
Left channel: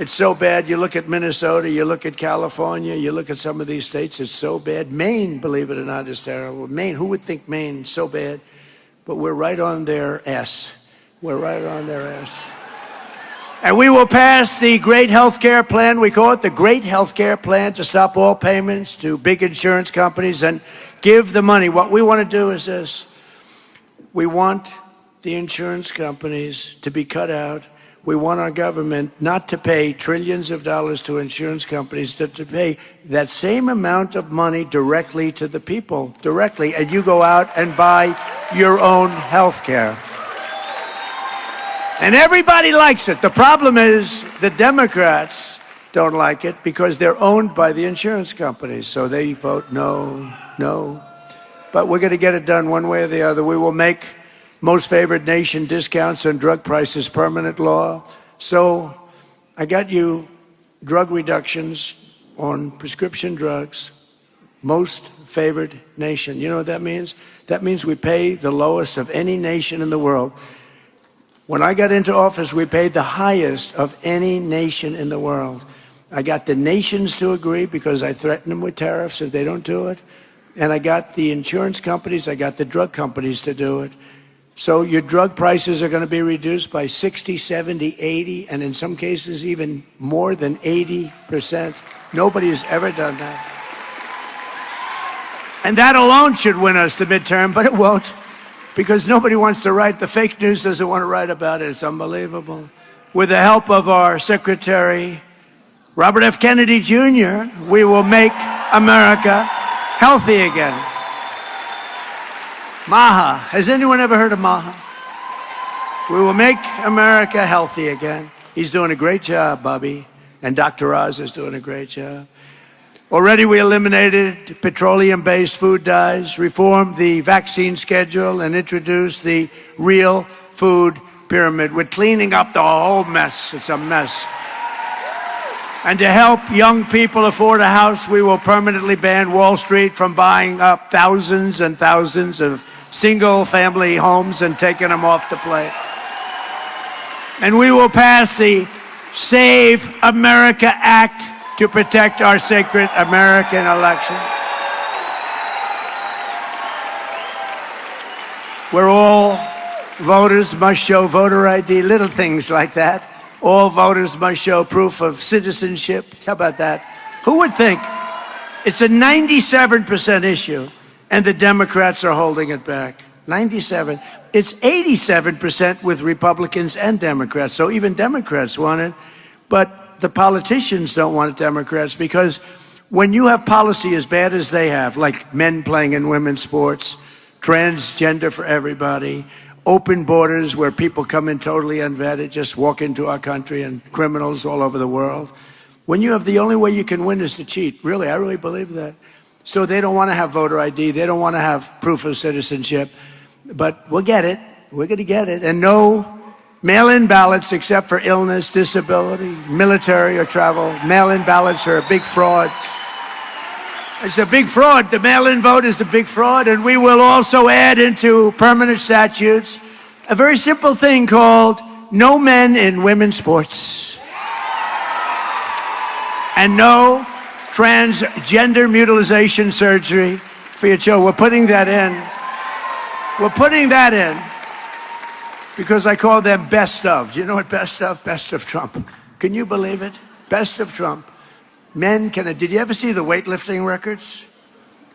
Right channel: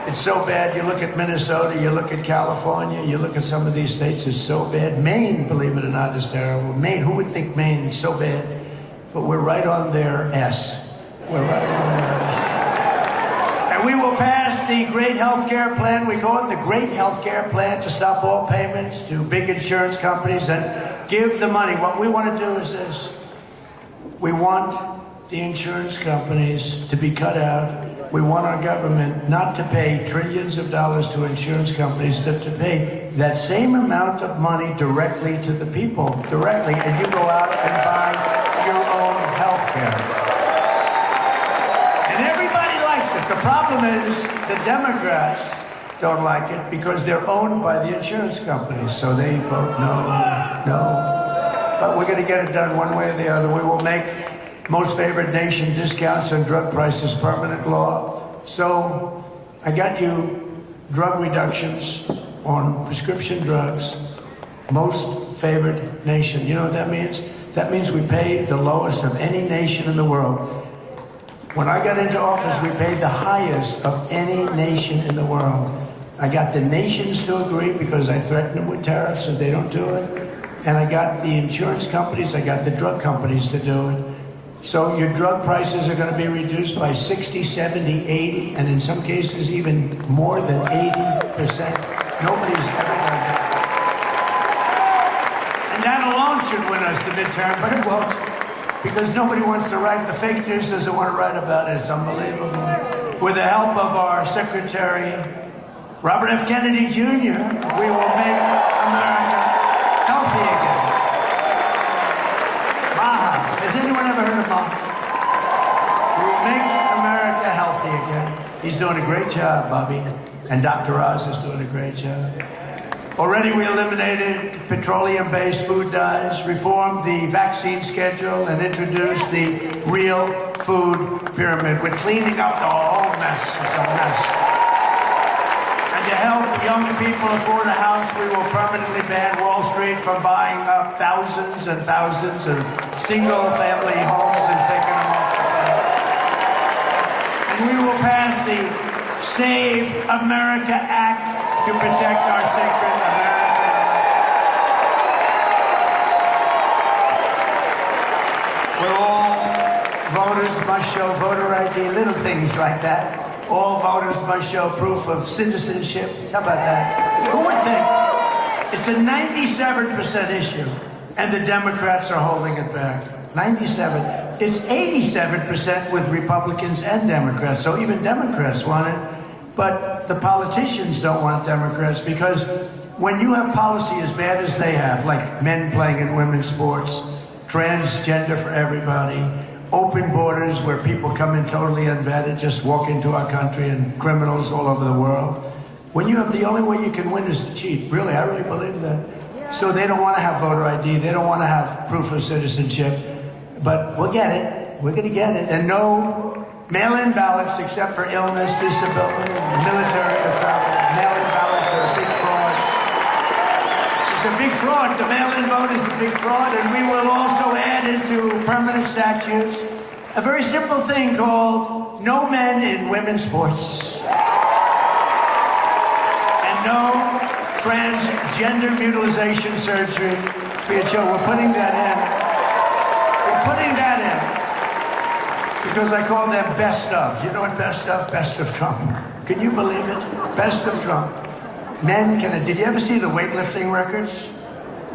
It's so bad. You look at Minnesota, you look at California, you look at some of these states, it's so bad. Maine, believe it or not, is terrible. Maine, who would think Maine is so bad? But we're right on their ass. We're right on their ass. And we will pass the great health care plan. We call it the great health care plan, to stop all payments to big insurance companies and give the money. What we want to do is this. We want the insurance companies to be cut out. We want our government not to pay trillions of dollars to insurance companies, to pay that same amount of money directly to the people, directly, and you go out and buy your own health care. And everybody likes it. The problem is the Democrats don't like it because they're owned by the insurance companies, so they vote no, no. But we're going to get it done one way or the other. We will make most favored nation discounts on drug prices permanent law. So I got you drug reductions on prescription drugs, most favored nation. You know what that means? That means we pay the lowest of any nation in the world. When I got into office, we paid the highest of any nation in the world. I got the nations to agree because I threatened them with tariffs if they don't do it. And I got the insurance companies, I got the drug companies to do it. So your drug prices are going to be reduced by 60, 70, 80, and in some cases even more than 80%. Nobody's ever done that. And that alone should win us the midterm, but it won't, because nobody wants to write. The fake news doesn't want to write about it. It's unbelievable. With the help of our Secretary, Robert F. Kennedy Jr., we will make America healthy again. Maha. Has anyone ever heard of Maha? We will make America healthy again. He's doing a great job, Bobby. And Dr. Oz is doing a great job. Already we eliminated petroleum-based food dyes, reformed the vaccine schedule, and introduced the real food pyramid. We're cleaning up the whole mess. It's a mess. And to help young people afford a house, we will permanently ban Wall Street from buying up thousands and thousands of single-family homes and taking them off the plate. And we will pass the Save America Act to protect our sacred American election. Where all voters must show voter ID, little things like that. All voters must show proof of citizenship. How about that? Who would think? It's a 97% issue, and the Democrats are holding it back. 97. It's 87% with Republicans and Democrats, so even Democrats want it. But the politicians don't want Democrats, because when you have policy as bad as they have, like men playing in women's sports, transgender for everybody, open borders where people come in totally unvetted, just walk into our country, and criminals all over the world. When you have the only way you can win is to cheat. Really, I really believe that. So they don't want to have voter ID. They don't want to have proof of citizenship. But we'll get it. We're going to get it. And no mail-in ballots except for illness, disability, military, or travel. Mail-in ballots are a big fraud. It's a big fraud. The mail-in vote is a big fraud, and we will also add into permanent statutes a very simple thing called no men in women's sports and no transgender mutilization surgery for your children. We're putting that in. We're putting that in because I call them best of. Do you know what best of? Best of Trump. Can you believe it? Best of Trump. Men can. Did you ever see the weightlifting records?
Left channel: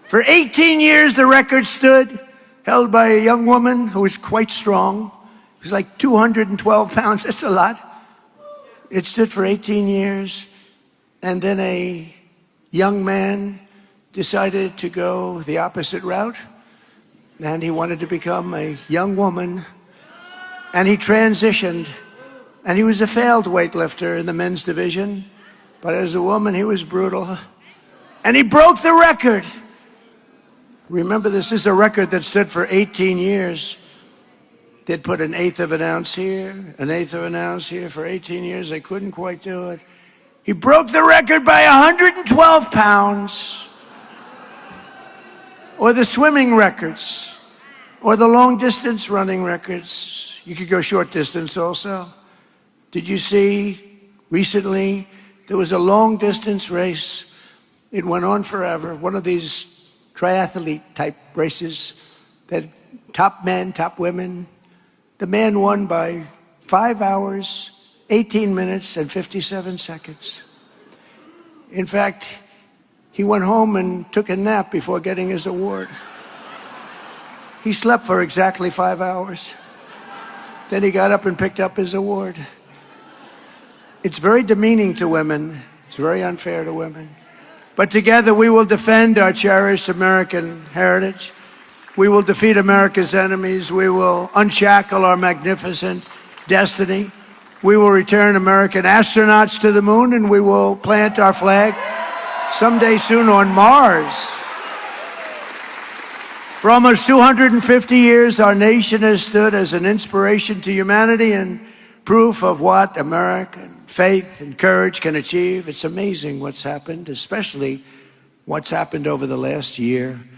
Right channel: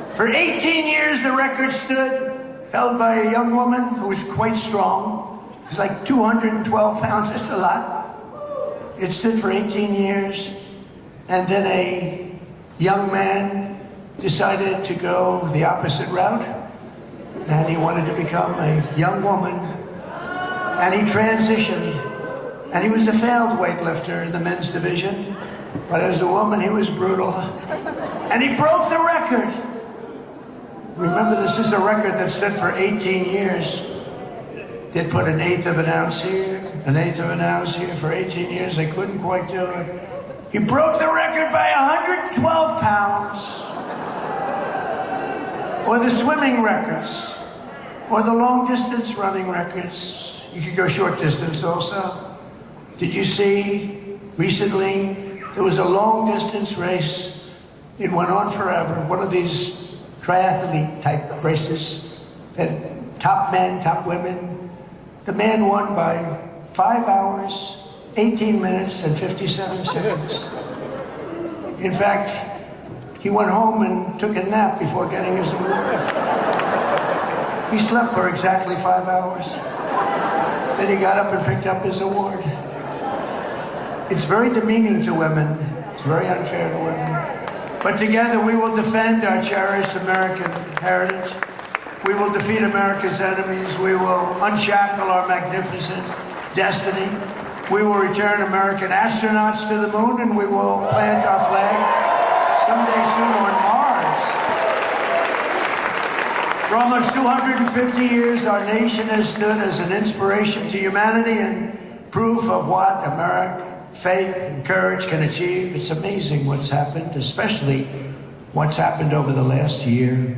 For 18 years, the record stood, held by a young woman who was quite strong. It was like 212 pounds. That's a lot. It stood for 18 years. And then a young man decided to go the opposite route. And he wanted to become a young woman. And he transitioned. And he was a failed weightlifter in the men's division. But as a woman, he was brutal. And he broke the record. Remember, this is a record that stood for 18 years. They put an eighth of an ounce here, an eighth of an ounce here for 18 years. They couldn't quite do it. He broke the record by 112 pounds. Or the swimming records. Or the long distance running records. You could go short distance also. Did you see recently there was a long distance race? It went on forever. One of these triathlete type races that top men, top women. The man won by 5 hours, 18 minutes, and 57 seconds. In fact, he went home and took a nap before getting his award. He slept for exactly 5 hours. Then he got up and picked up his award. It's very demeaning to women. It's very unfair to women. But together we will defend our cherished American heritage. We will defeat America's enemies. We will unshackle our magnificent destiny. We will return American astronauts to the moon, and we will plant our flag someday soon on Mars. For almost 250 years, our nation has stood as an inspiration to humanity and proof of what American faith and courage can achieve. It's amazing what's happened, especially what's happened over the last year.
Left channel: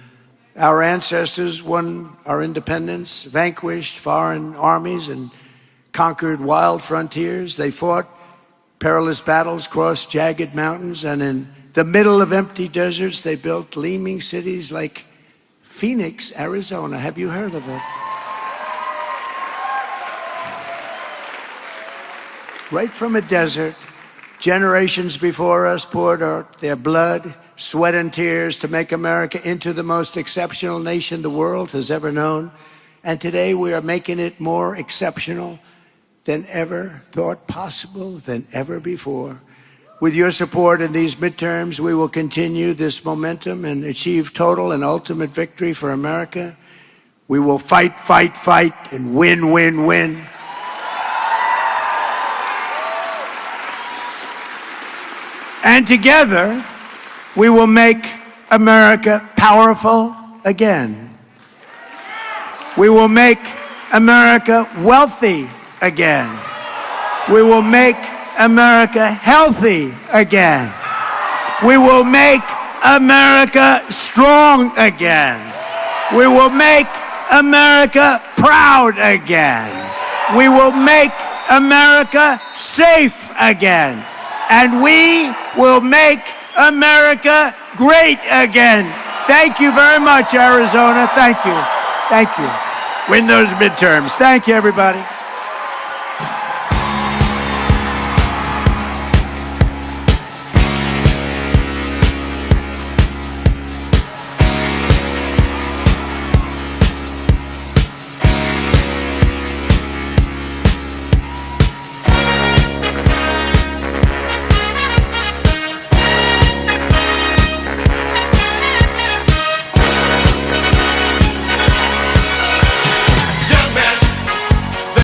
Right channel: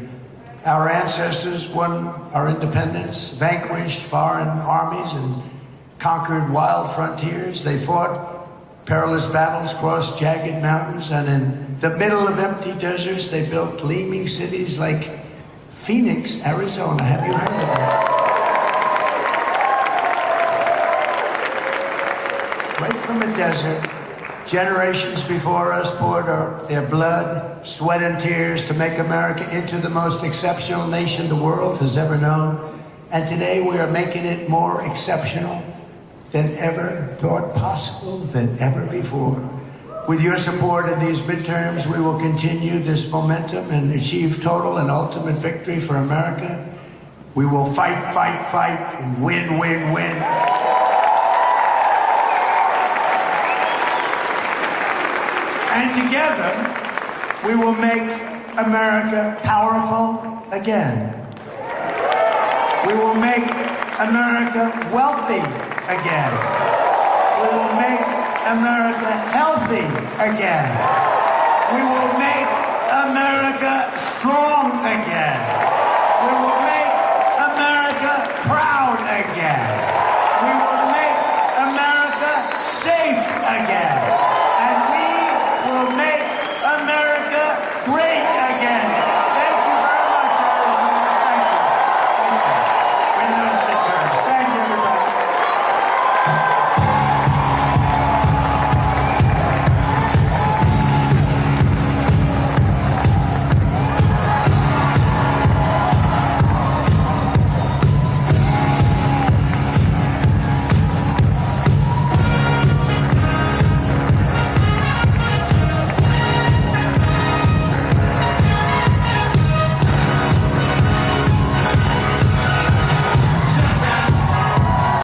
Our ancestors won our independence, vanquished foreign armies, and conquered wild frontiers. They fought perilous battles, crossed jagged mountains, and in the middle of empty deserts, they built gleaming cities like Phoenix, Arizona. Have you heard of that? Right from a desert, generations before us poured their blood, sweat, and tears to make America into the most exceptional nation the world has ever known. And today we are making it more exceptional than ever thought possible, than ever before. With your support in these midterms, we will continue this momentum and achieve total and ultimate victory for America. We will fight, fight, fight, and win, win, win. And together, we will make America powerful again. We will make America wealthy again. We will make America healthy again. We will make America strong again. We will make America proud again. We will make America safe again. And we will make America great again. Thank you very much, Arizona. Thank you. Thank you. Win those midterms. Thank you, everybody.